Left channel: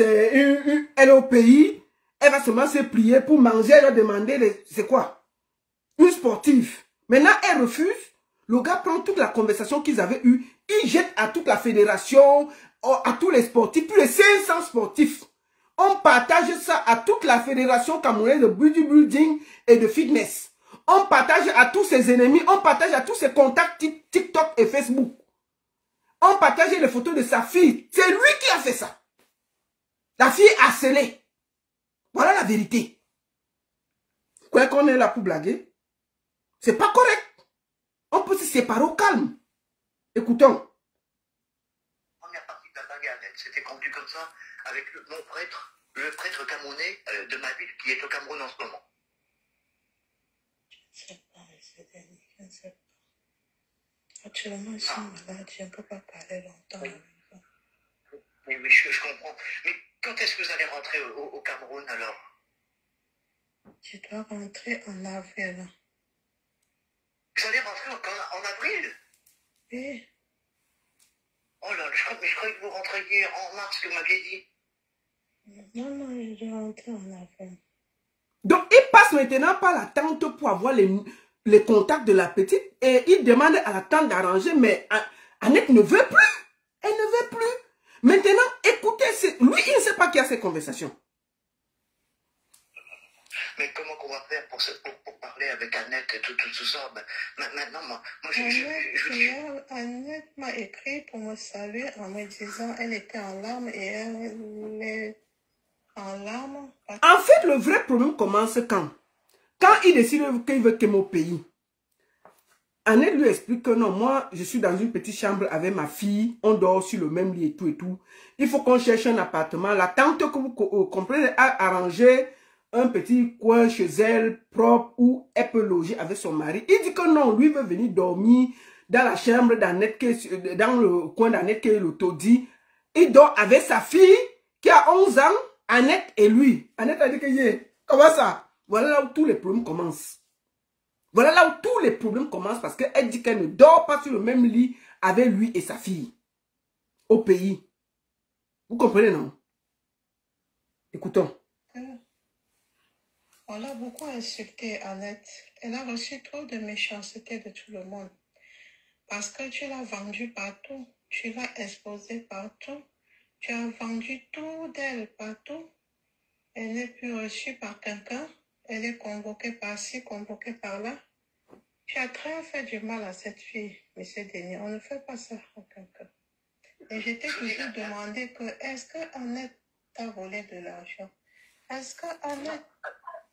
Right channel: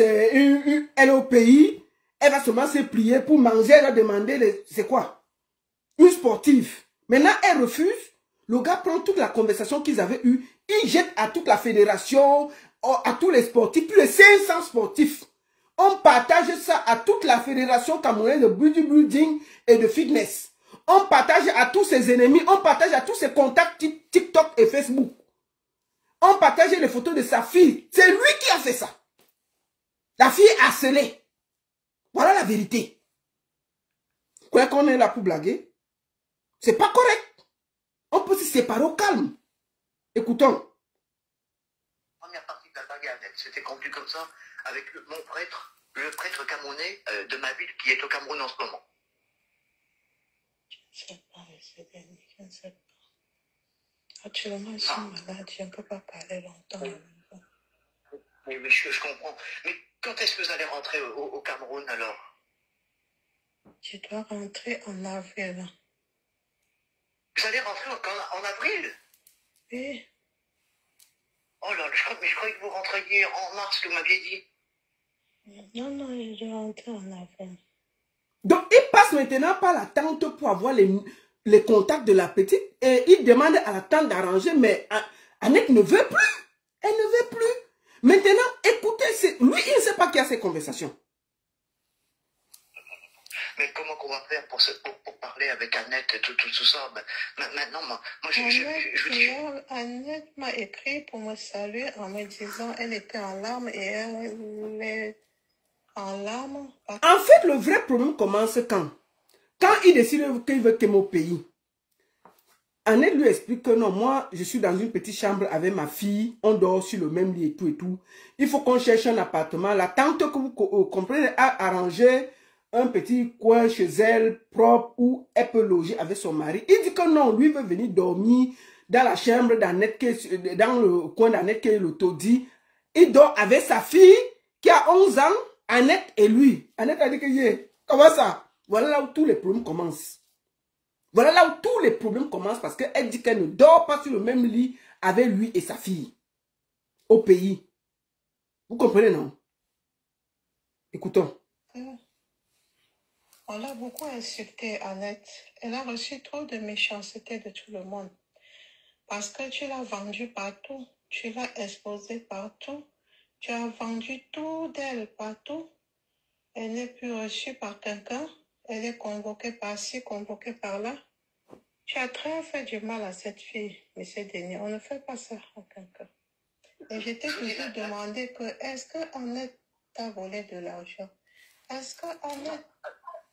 elle est au pays, elle va seulement se plier pour manger, elle va demander, c'est quoi? Une sportive. Maintenant, elle refuse. Le gars prend toute la conversation qu'ils avaient eue, il jette à toute la fédération, à tous les sportifs, plus de 500 sportifs. On partage ça à toute la fédération camerounaise de bodybuilding et de fitness. On partage à tous ses ennemis, on partage à tous ses contacts TikTok et Facebook. On partage les photos de sa fille. C'est lui qui a fait ça. La fille est harcelée. Voilà la vérité. Quoi qu'on est là pour blaguer, c'est pas correct. On peut se séparer au calme. Écoutons. Première partie de la bagade, c'était conduit comme ça avec mon prêtre, le prêtre camerounais de ma ville qui est au Cameroun en ce moment. Je ne sais pas, je ne sais pas. Actuellement, je suis malade, je ne peux pas parler longtemps avec vous. Oui, je comprends. Mais quand est-ce que vous allez rentrer au Cameroun alors? Je dois rentrer en avril. Vous allez rentrer en avril? Oui. Oh là, je croyais que vous rentriez en mars, que vous m'aviez dit. Non, je dois rentrer en avril. Donc, il passe maintenant par la tante pour avoir les contacts de la petite et il demande à la tante d'arranger, mais Annette ne veut plus. Elle ne veut plus. Maintenant, écoutez, lui, il ne sait pas qui a ces conversations. Mais comment qu'on va faire pour parler avec Annette et tout ça? Maintenant, moi Annette m'a écrit pour me saluer en me disant qu'elle était en larmes et elle est en larmes. En fait, le vrai problème commence quand il décide qu'il veut quitter mon pays. Annette lui explique que non, moi, je suis dans une petite chambre avec ma fille, on dort sur le même lit et tout et tout. Il faut qu'on cherche un appartement. La tante que vous comprenez a arrangé un petit coin chez elle, propre, où elle peut loger avec son mari. Il dit que non, lui veut venir dormir dans la chambre d'Annette, dans le coin d'Annette, que l'auto dit. Il dort avec sa fille, qui a 11 ans, Annette et lui. Annette a dit que, comment ça? Voilà là où tous les problèmes commencent. Voilà là où tous les problèmes commencent parce qu'elle dit qu'elle ne dort pas sur le même lit avec lui et sa fille. Au pays. Vous comprenez, non? Écoutons. On l'a beaucoup insulté, Annette. Elle a reçu trop de méchanceté de tout le monde. Parce que tu l'as vendue partout. Tu l'as exposée partout. Tu as vendu tout d'elle partout. Elle n'est plus reçue par quelqu'un. Elle est convoquée par-ci, convoquée par-là. Tu as très fait du mal à cette fille, M. Denis. On ne fait pas ça à quelqu'un. Et je t'ai toujours demandé que, est-ce que Annette t'a volé de l'argent? Est-ce que Annette...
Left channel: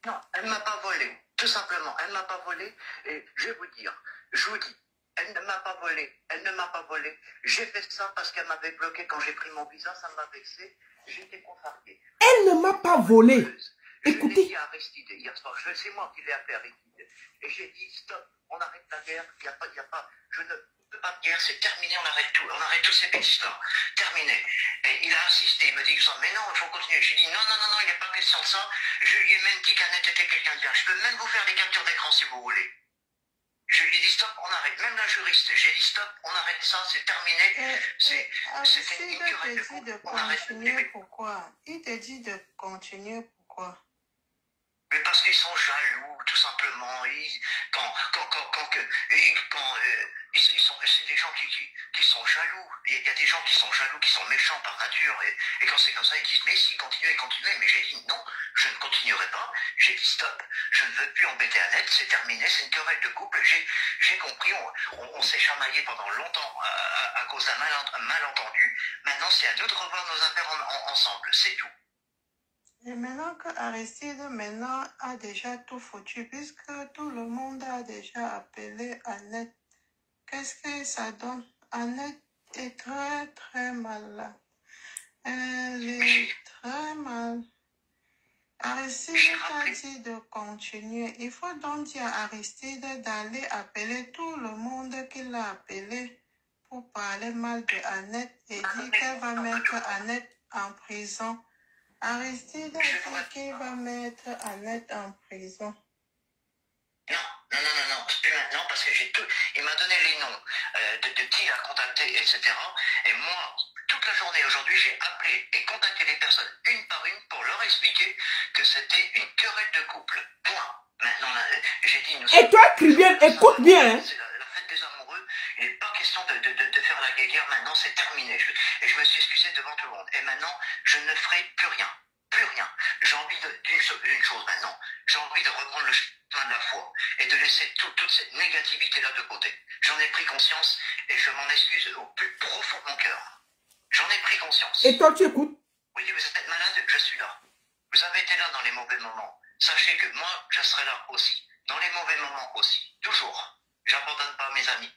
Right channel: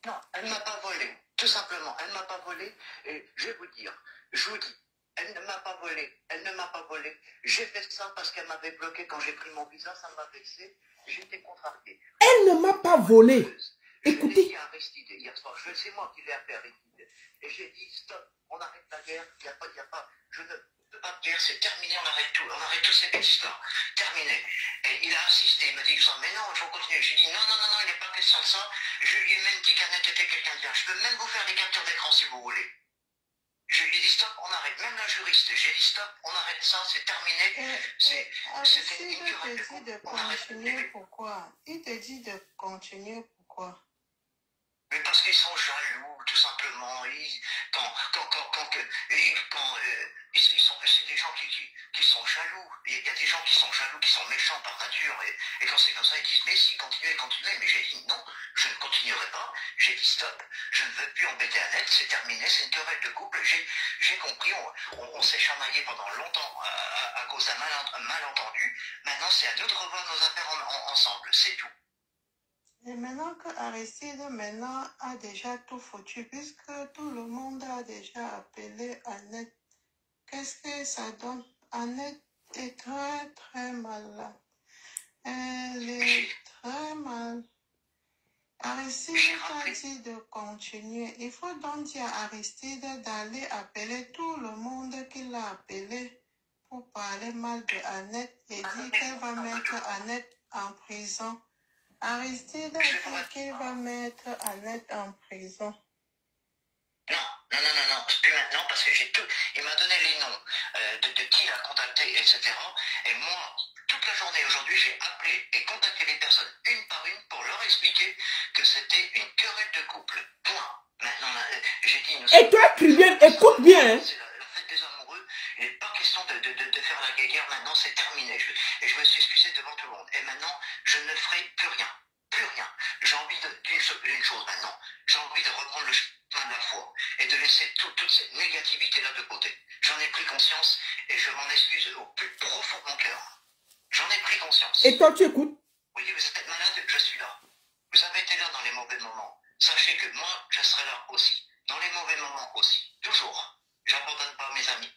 Non, elle ne m'a pas volé. Tout simplement, elle ne m'a pas volé. Et je vais vous dire, je vous dis, elle ne m'a pas volé. Elle ne m'a pas volé. J'ai fait ça parce qu'elle m'avait bloqué quand j'ai pris mon visa. Ça m'a vexé. J'étais contrarié. Elle ne m'a pas volé. Écoutez. Je l'ai dit à Aristide hier soir. C'est moi qui l'ai appelé Aristide. Et j'ai dit, stop, on arrête la guerre. Il n'y a pas, je ne veux pas de guerre. C'est terminé. On arrête tout. On arrête tous ces bêtises-là. Terminé. Et il a insisté. Il me dit, mais non, il faut continuer. J'ai dit, non, il n'est pas question de ça. Je lui ai même dit qu'Annette était quelqu'un de bien. Je peux même vous faire des captures d'écran si vous voulez. Je lui ai dit stop, on arrête. Même la juriste, j'ai dit stop, on arrête ça, c'est terminé. C'était une querelle de couple. On arrête. Pourquoi? Il te dit de continuer, pourquoi? Mais parce qu'ils sont jaloux, tout simplement. C'est des gens qui sont jaloux. Il y a des gens qui sont jaloux, qui sont méchants par nature. Et quand c'est comme ça, ils disent mais si, continuez. Mais j'ai dit non, je ne continuerai pas. J'ai dit stop, je ne veux plus embêter Annette, c'est terminé, c'est une querelle de couple. J'ai compris, on s'est chamaillé pendant longtemps à cause d'un malentendu. Maintenant, c'est à nous de revoir nos affaires ensemble, c'est tout. Et maintenant que Aristide a déjà tout foutu, puisque tout le monde a déjà appelé Annette, qu'est-ce que ça donne? Annette est très très malade. Elle est très mal. Aristide t'a dit de continuer. Il faut donc dire à Aristide d'aller appeler tout le monde qu'il a appelé pour parler mal de Annette et dire qu'elle va mettre Annette en prison. Aristide a dit qu'il va mettre Annette en prison. Non, non, non, non, non, plus maintenant parce que j'ai tout. Il m'a donné les noms de qui il a contacté, etc. Et moi, toute la journée aujourd'hui, j'ai appelé et contacté les personnes une par une pour leur expliquer que c'était une querelle de couple. Point. Maintenant, j'ai dit. Et toi, Christian, écoute bien. Hein. C'est la fête des amoureux. Il n'est pas question de faire la guéguerre. Maintenant, c'est terminé. Et je me suis excusé devant tout le monde. Et maintenant, je ne ferai plus rien. Plus rien. J'ai envie d'une chose maintenant. J'ai envie de reprendre le chemin de la foi et de laisser toute cette négativité-là de côté. J'en ai pris conscience et je m'en excuse au plus profond de mon cœur. J'en ai pris conscience. Et toi, tu écoutes? Oui, vous êtes malade, je suis là. Vous avez été là dans les mauvais moments. Sachez que moi, je serai là aussi. Dans les mauvais moments aussi. Toujours. J'abandonne pas mes amis.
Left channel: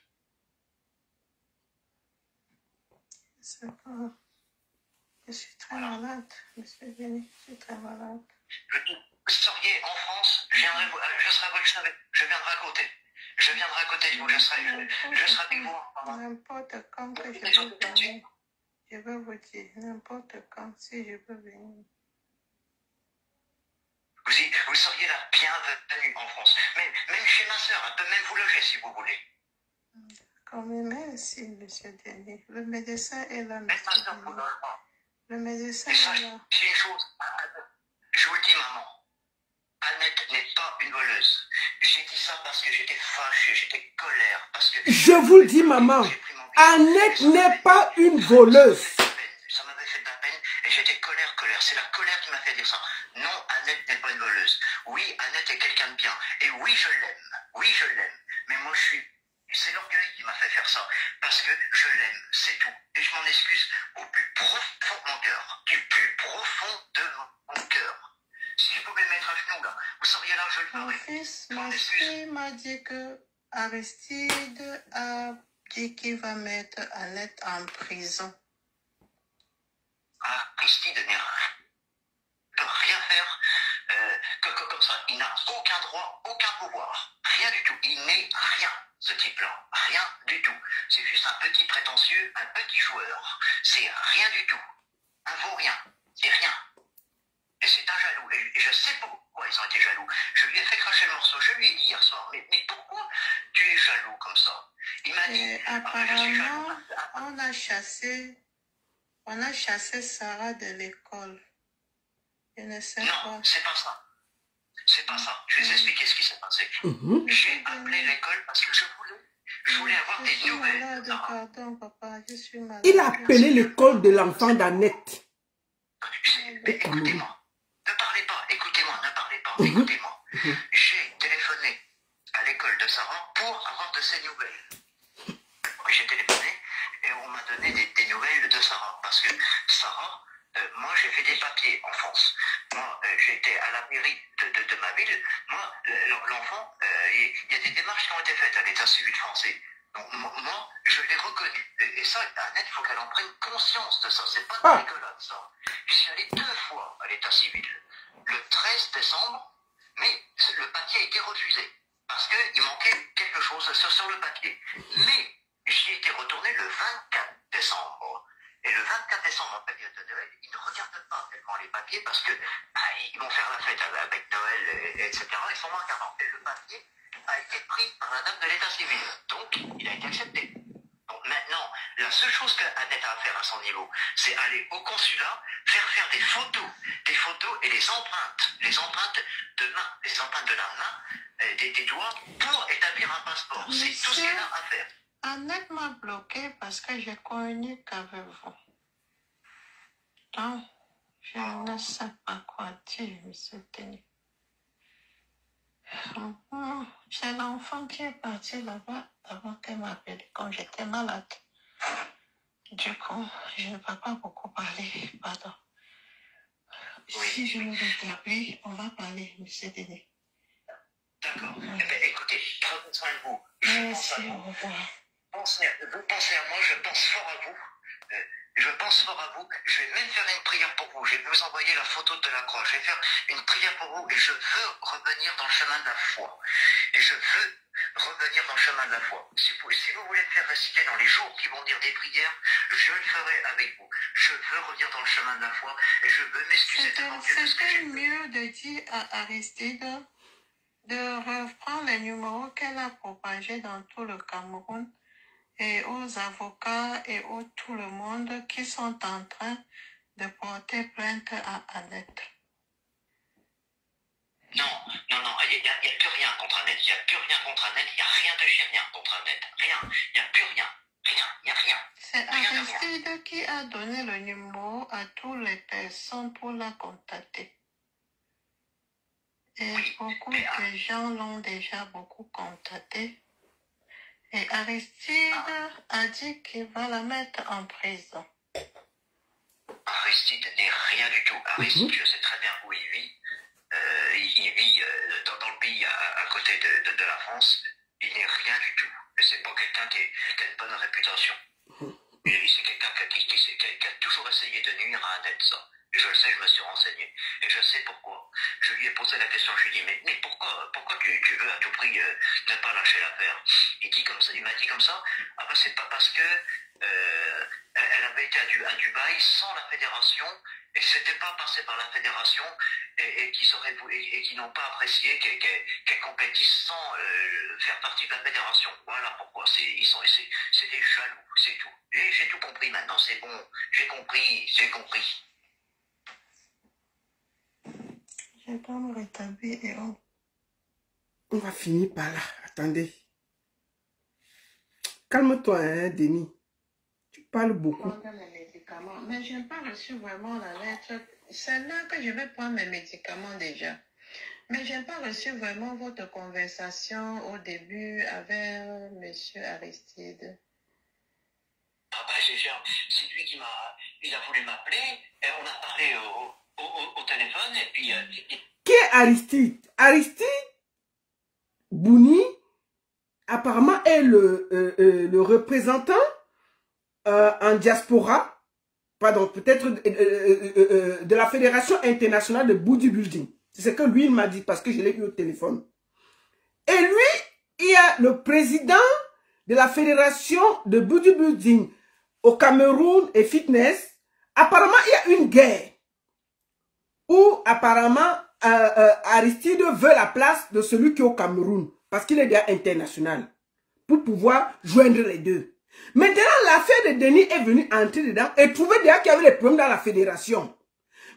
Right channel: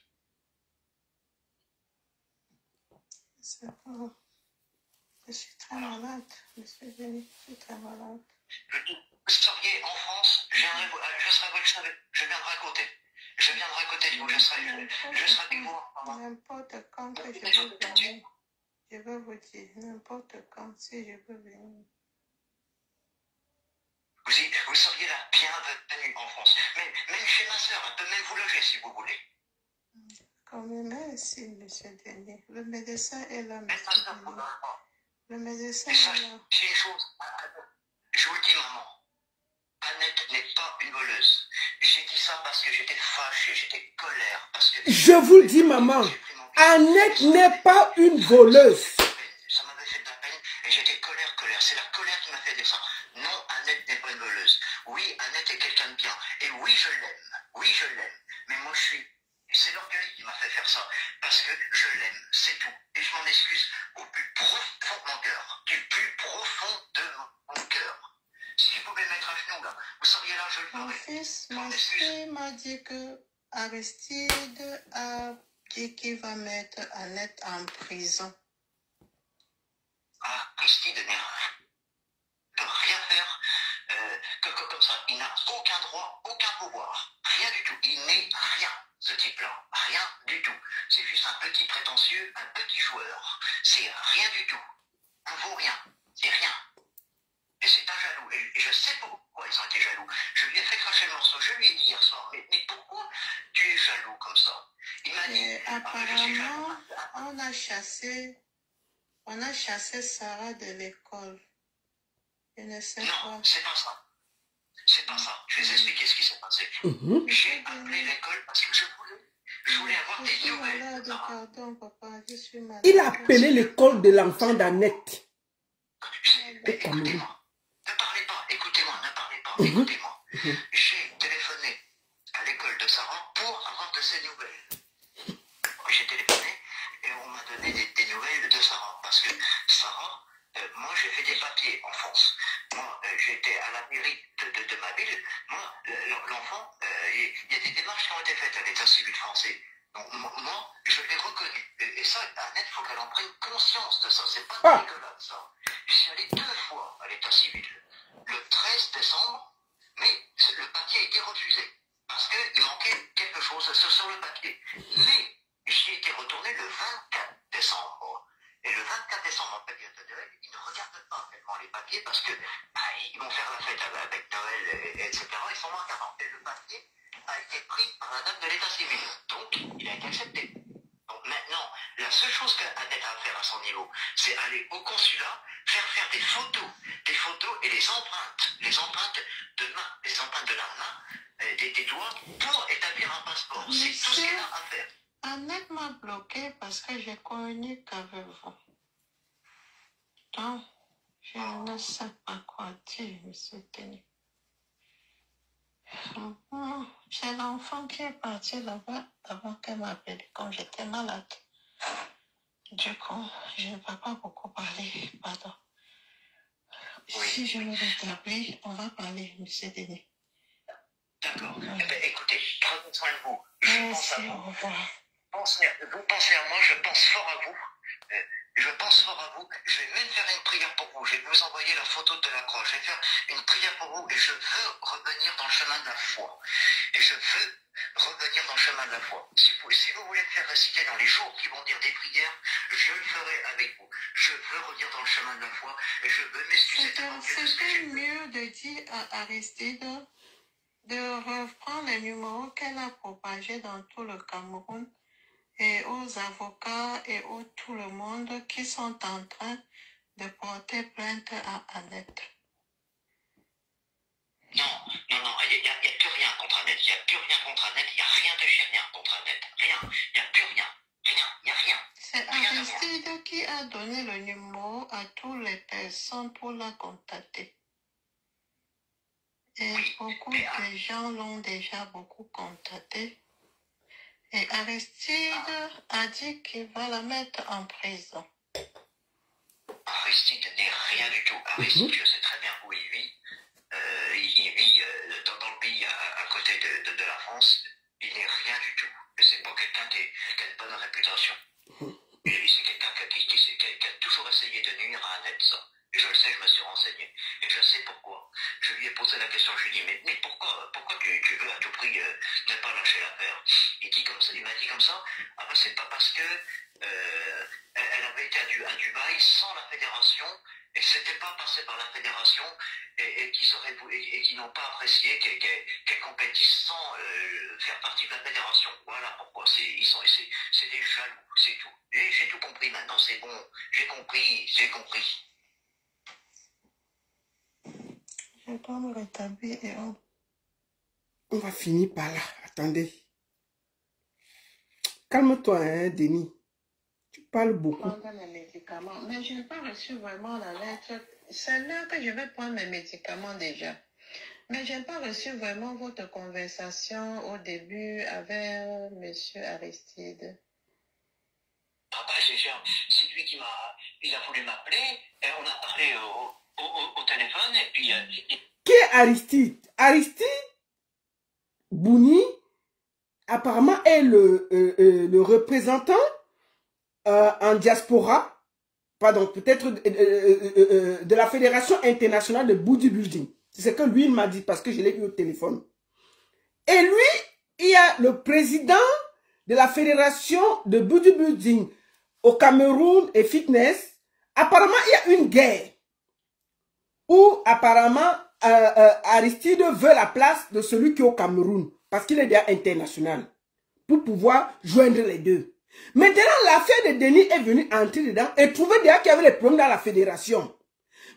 C'est pas... Je suis très malade, monsieur Denis, je suis très malade. Vous seriez en France, je serai à votre chevet, je viendrai à côté. Je viendrai à côté de vous, je serai avec vous. N'importe quand que je veux venir, je veux vous dire, n'importe quand, si je peux venir. Vous seriez la bienvenue en France. Même chez ma soeur, elle peut même vous loger si vous voulez. D'accord, mais merci, monsieur Denis. Le médecin est là, monsieur Denis. Le médecin est là. C'est une chose, je vous le dis, maman. Annette n'est pas une voleuse. J'ai dit ça parce que j'étais fâché, j'étais colère. Parce que je vous le dis, maman. Annette n'est pas une voleuse. Ça m'avait fait de la peine et j'étais colère. C'est la colère qui m'a fait dire ça. Non, Annette n'est pas une voleuse. Oui, Annette est quelqu'un de bien. Et oui, je l'aime. Oui, je l'aime. Mais moi, c'est l'orgueil qui m'a fait faire ça. Parce que je l'aime, c'est tout. Et je m'en excuse au plus profond de mon cœur. Du plus profond de mon cœur. Si je pouvais me mettre à genoux, là, vous seriez là, je le ferais. Mon fils, ma fille m'a dit que Aristide a dit qu'il va mettre Annette en prison. Aristide ne peut rien faire comme ça. Il n'a aucun droit, aucun pouvoir. Rien du tout. Il n'est rien, ce type-là. Rien du tout. C'est juste un petit prétentieux, un petit joueur. C'est rien du tout. Un vaut-rien. C'est rien. Et c'est un jaloux. Et je sais pourquoi ils ont été jaloux. Je lui ai fait cracher le morceau. Je lui ai dit hier soir, mais pourquoi tu es jaloux comme ça? Il m'a dit, apparemment, on a chassé Sarah de l'école. Je ne sais pas. Non, c'est pas ça. C'est pas ça. Je vais vous expliquer ce qui s'est passé. J'ai appelé l'école parce que je voulais avoir des nouvelles. Pardon, papa, je suis malade. Il a appelé l'école de l'enfant d'Annette. Écoutez-moi. Ne parlez pas. Écoutez-moi. Ne parlez pas. Écoutez-moi. J'ai téléphoné à l'école de Sarah pour avoir de ses nouvelles. J'ai téléphoné et on m'a donné des nouvelles de Sarah. Parce que Sarah, moi j'ai fait des papiers en France. Moi j'étais à la mairie de ma ville. Moi, l'enfant, il y a des démarches qui ont été faites à l'état civil français. Donc moi, je l'ai reconnu. Et ça, Annette, il faut qu'elle en prenne conscience de ça. C'est pas de rigolade ça. Je suis allé 2 fois à l'état civil. Le 13 décembre, mais le papier a été refusé. Parce qu'il manquait quelque chose sur le papier. Mais j'y étais retourné le 24 décembre. Et le 24 décembre, en période de Noël, ils ne regardent pas tellement les papiers parce que ils vont faire la fête avec Noël, etc. Ils sont moins qu'avant. Et le papier a été pris par la dame de l'état civil. Donc, il a été accepté. Donc maintenant, la seule chose qu'Annette a à faire à son niveau, c'est aller au consulat, faire des photos et les empreintes de main, les empreintes de la main, des doigts, pour établir un passeport. C'est tout ce qu'elle a à faire. Annette m'a bloqué parce que j'ai connu qu'avec vous. Donc, je ne sais pas quoi dire, monsieur Denis. J'ai l'enfant qui est parti là-bas avant qu'elle m'appelle quand j'étais malade. Du coup, je ne peux pas beaucoup parler, pardon. Oui. Si je me rétablis, on va parler, monsieur Denis. D'accord. Eh bien, écoutez, prenez soin de vous. Merci, au revoir. Vous pensez à moi, je pense fort à vous. Je pense fort à vous. Je vais même faire une prière pour vous. Je vais vous envoyer la photo de la croix. Je vais faire une prière pour vous et je veux revenir dans le chemin de la foi. Et je veux revenir dans le chemin de la foi. Si vous voulez me faire réciter dans les jours qui vont dire des prières, je le ferai avec vous. Je veux revenir dans le chemin de la foi et je veux m'excuser devant Dieu de ce que j'ai fait. C'était mieux de dire à Aristide de reprendre les numéros qu'elle a propagés dans tout le Cameroun et aux avocats et tout le monde qui sont en train de porter plainte à Annette. Non, il n'y a plus rien contre Annette. Il n'y a plus rien contre Annette. Il n'y a rien de chez rien contre Annette. Rien. Il n'y a plus rien. Rien. Il n'y a rien. C'est Aristide qui a donné le numéro à toutes les personnes pour la contacter. Et Oui, beaucoup mais, de gens l'ont déjà beaucoup contacté. Et Aristide a dit qu'il va la mettre en prison. Aristide n'est rien du tout. Aristide, je sais très bien où il vit. Il vit dans le pays à côté de la France. Il n'est rien du tout. Et c'est pas quelqu'un qui a une bonne réputation. Et c'est quelqu'un qui a toujours essayé de nuire à Annette, ça. Et je le sais, je me suis renseigné. Et je sais pourquoi. Je lui ai posé la question, je lui ai dit, mais pourquoi tu veux à tout prix ne pas lâcher l'affaire? Il m'a dit comme ça, ah ben c'est pas parce que elle avait été à Dubaï sans la fédération, et c'était pas passé par la fédération, et qu'ils n'ont pas apprécié qu'elle compétisse sans faire partie de la fédération. Voilà pourquoi. C'est des jaloux, c'est tout. Et j'ai tout compris maintenant, c'est bon. J'ai compris. Je dois me rétablir et On va finir par là. Attendez. Calme-toi, hein, Denis. Tu parles beaucoup. les médicaments. Mais je n'ai pas reçu vraiment la lettre. C'est là que je vais prendre mes médicaments déjà. Mais je n'ai pas reçu vraiment votre conversation au début avec M. Aristide. Ah ben, c'est lui il a voulu m'appeler, et on a parlé au téléphone, et puis... Qui est Aristide? Aristide Bouni, apparemment, est le représentant en diaspora, pardon, peut-être de la Fédération internationale de bodybuilding. C'est ce que lui, il m'a dit, parce que je l'ai eu au téléphone. Et lui, il y a le président de la Fédération de bodybuilding au Cameroun et fitness. Apparemment, il y a une guerre où apparemment Aristide veut la place de celui qui est au Cameroun parce qu'il est déjà international pour pouvoir joindre les deux. Maintenant, l'affaire de Denis est venue entrer dedans et trouver déjà qu'il y avait des problèmes dans la fédération.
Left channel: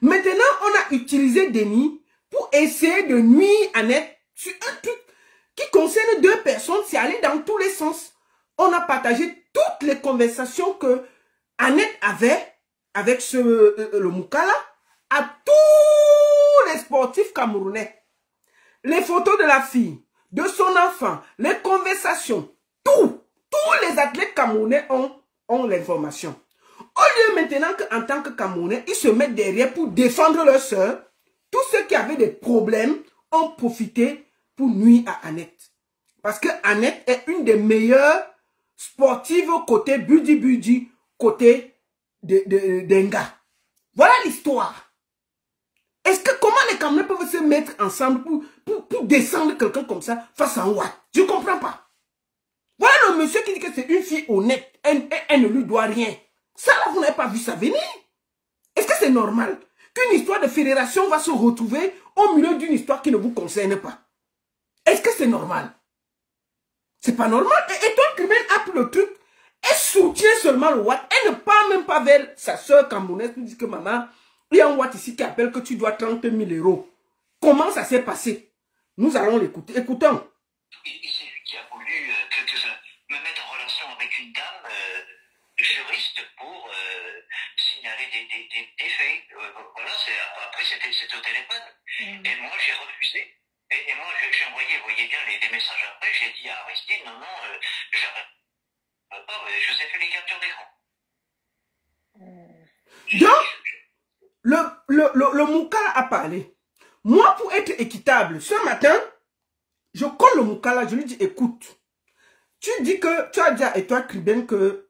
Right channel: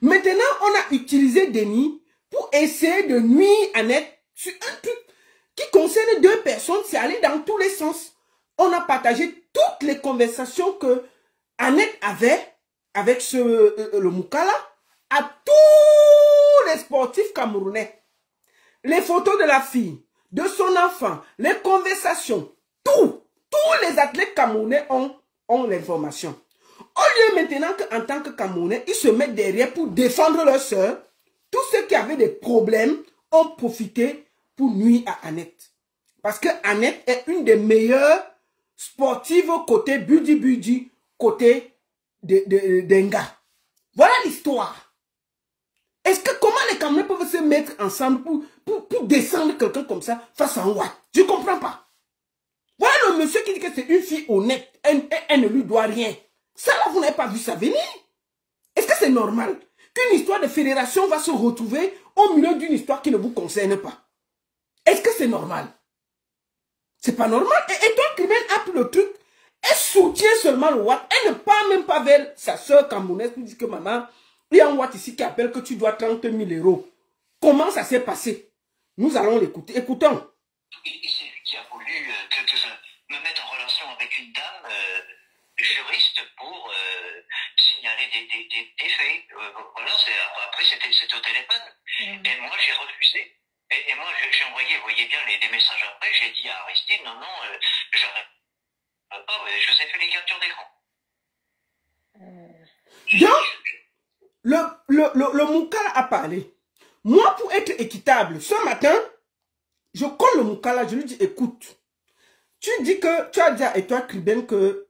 Maintenant, on a utilisé Denis pour essayer de nuire Annette sur un truc qui concerne deux personnes. C'est allé dans tous les sens. On a partagé toutes les conversations que Annette avait avec le Moukala à tous les sportifs camerounais. Les photos de la fille, de son enfant, les conversations, tous les athlètes camerounais ont l'information. Au lieu maintenant qu'en tant que Camerounais, ils se mettent derrière pour défendre leur soeur, tous ceux qui avaient des problèmes ont profité pour nuire à Annette. Parce que Annette est une des meilleures sportives côté budi, côté d'Enga. Voilà l'histoire. Est-ce que comment les Camerounais peuvent se mettre ensemble pour descendre quelqu'un comme ça face à un Watt? Je ne comprends pas. Voilà le monsieur qui dit que c'est une fille honnête. Elle ne lui doit rien. Ça là, vous n'avez pas vu ça venir. Est-ce que c'est normal qu'une histoire de fédération va se retrouver au milieu d'une histoire qui ne vous concerne pas? Est-ce que c'est normal? C'est pas normal. Et toi, Crimen a pris le truc. Elle soutient seulement le Watt. Elle ne parle même pas vers sa soeur camerounaise pour dire que maman, il y a un Watt ici qui appelle que tu dois 30 000 €. Comment ça s'est passé? Nous allons l'écouter. Écoutons. C'est lui qui a voulu que je me mette en relation avec une dame juriste pour signaler des faits. Voilà, après c'était au téléphone. Et moi j'ai refusé. Et moi j'ai envoyé, vous voyez bien, des messages après. J'ai dit à Aristide, non, j'arrête pas, je vous ai fait les captures d'écran. Donc, le Moukala a parlé. Moi, pour être équitable, ce matin, je colle le Moukala, je lui dis, écoute, tu dis que tu as dit à toi, Kriben, que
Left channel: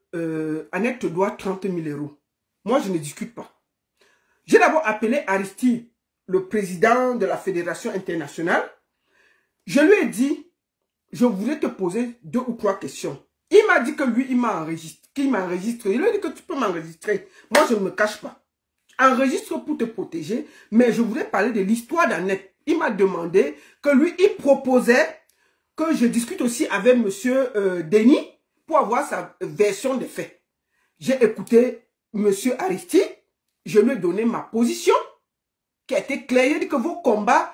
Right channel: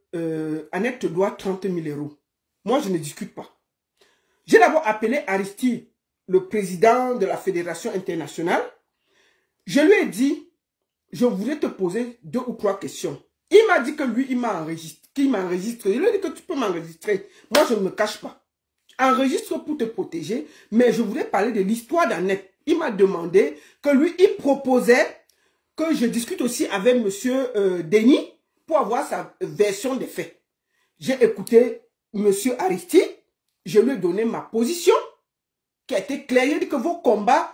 Annette te doit 30 000 €. Moi, je ne discute pas. J'ai d'abord appelé Aristide, le président de la Fédération internationale. Je lui ai dit, je voulais te poser 2 ou 3 questions. Il m'a dit que lui, il m'a enregistré. Il lui a dit que tu peux m'enregistrer. Moi, je ne me cache pas. Enregistre pour te protéger, mais je voulais parler de l'histoire d'Annette. il m'a demandé que lui, il proposait que je discute aussi avec monsieur Denis pour avoir sa version des faits. J'ai écouté monsieur Aristide, je lui ai donné ma position qui a été claire. Il a dit que vos combats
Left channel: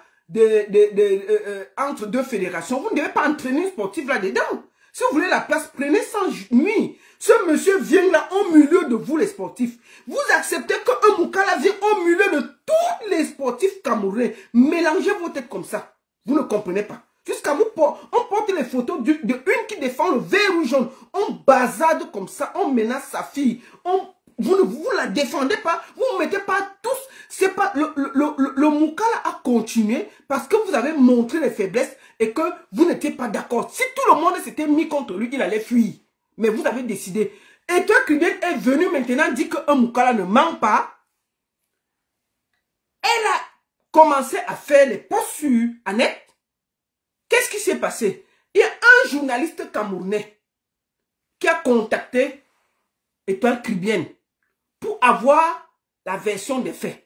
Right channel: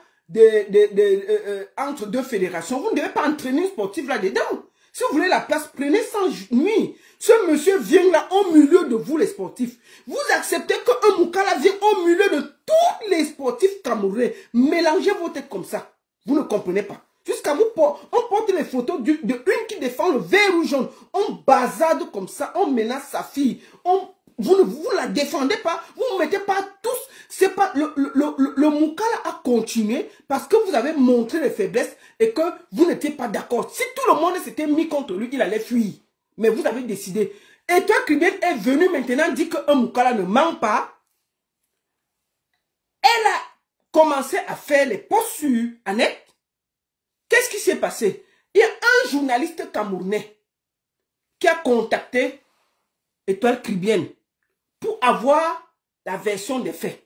entre deux fédérations, vous ne devez pas entraîner un sportif là-dedans. Si vous voulez la place, prenez sans nuit. Ce monsieur vient là au milieu de vous les sportifs. Vous acceptez qu'un Moukala vienne au milieu de tous les sportifs camerounais. Mélangez vos têtes comme ça. Vous ne comprenez pas. Jusqu'à vous, on porte les photos de une qui défend le vert ou jaune. On bazarde comme ça, on menace sa fille. Vous ne vous la défendez pas, vous ne mettez pas tous. C'est pas le Moukala a continué parce que vous avez montré les faiblesses et que vous n'étiez pas d'accord. Si tout le monde s'était mis contre lui, il allait fuir. Mais vous avez décidé. Et toi, Kribien est venu maintenant dire qu'un Moukala ne ment pas. Elle a commencé à faire les posts sur Annette. Qu'est-ce qui s'est passé? Il y a un journaliste camerounais qui a contacté Étoile Kribien pour avoir la version des faits.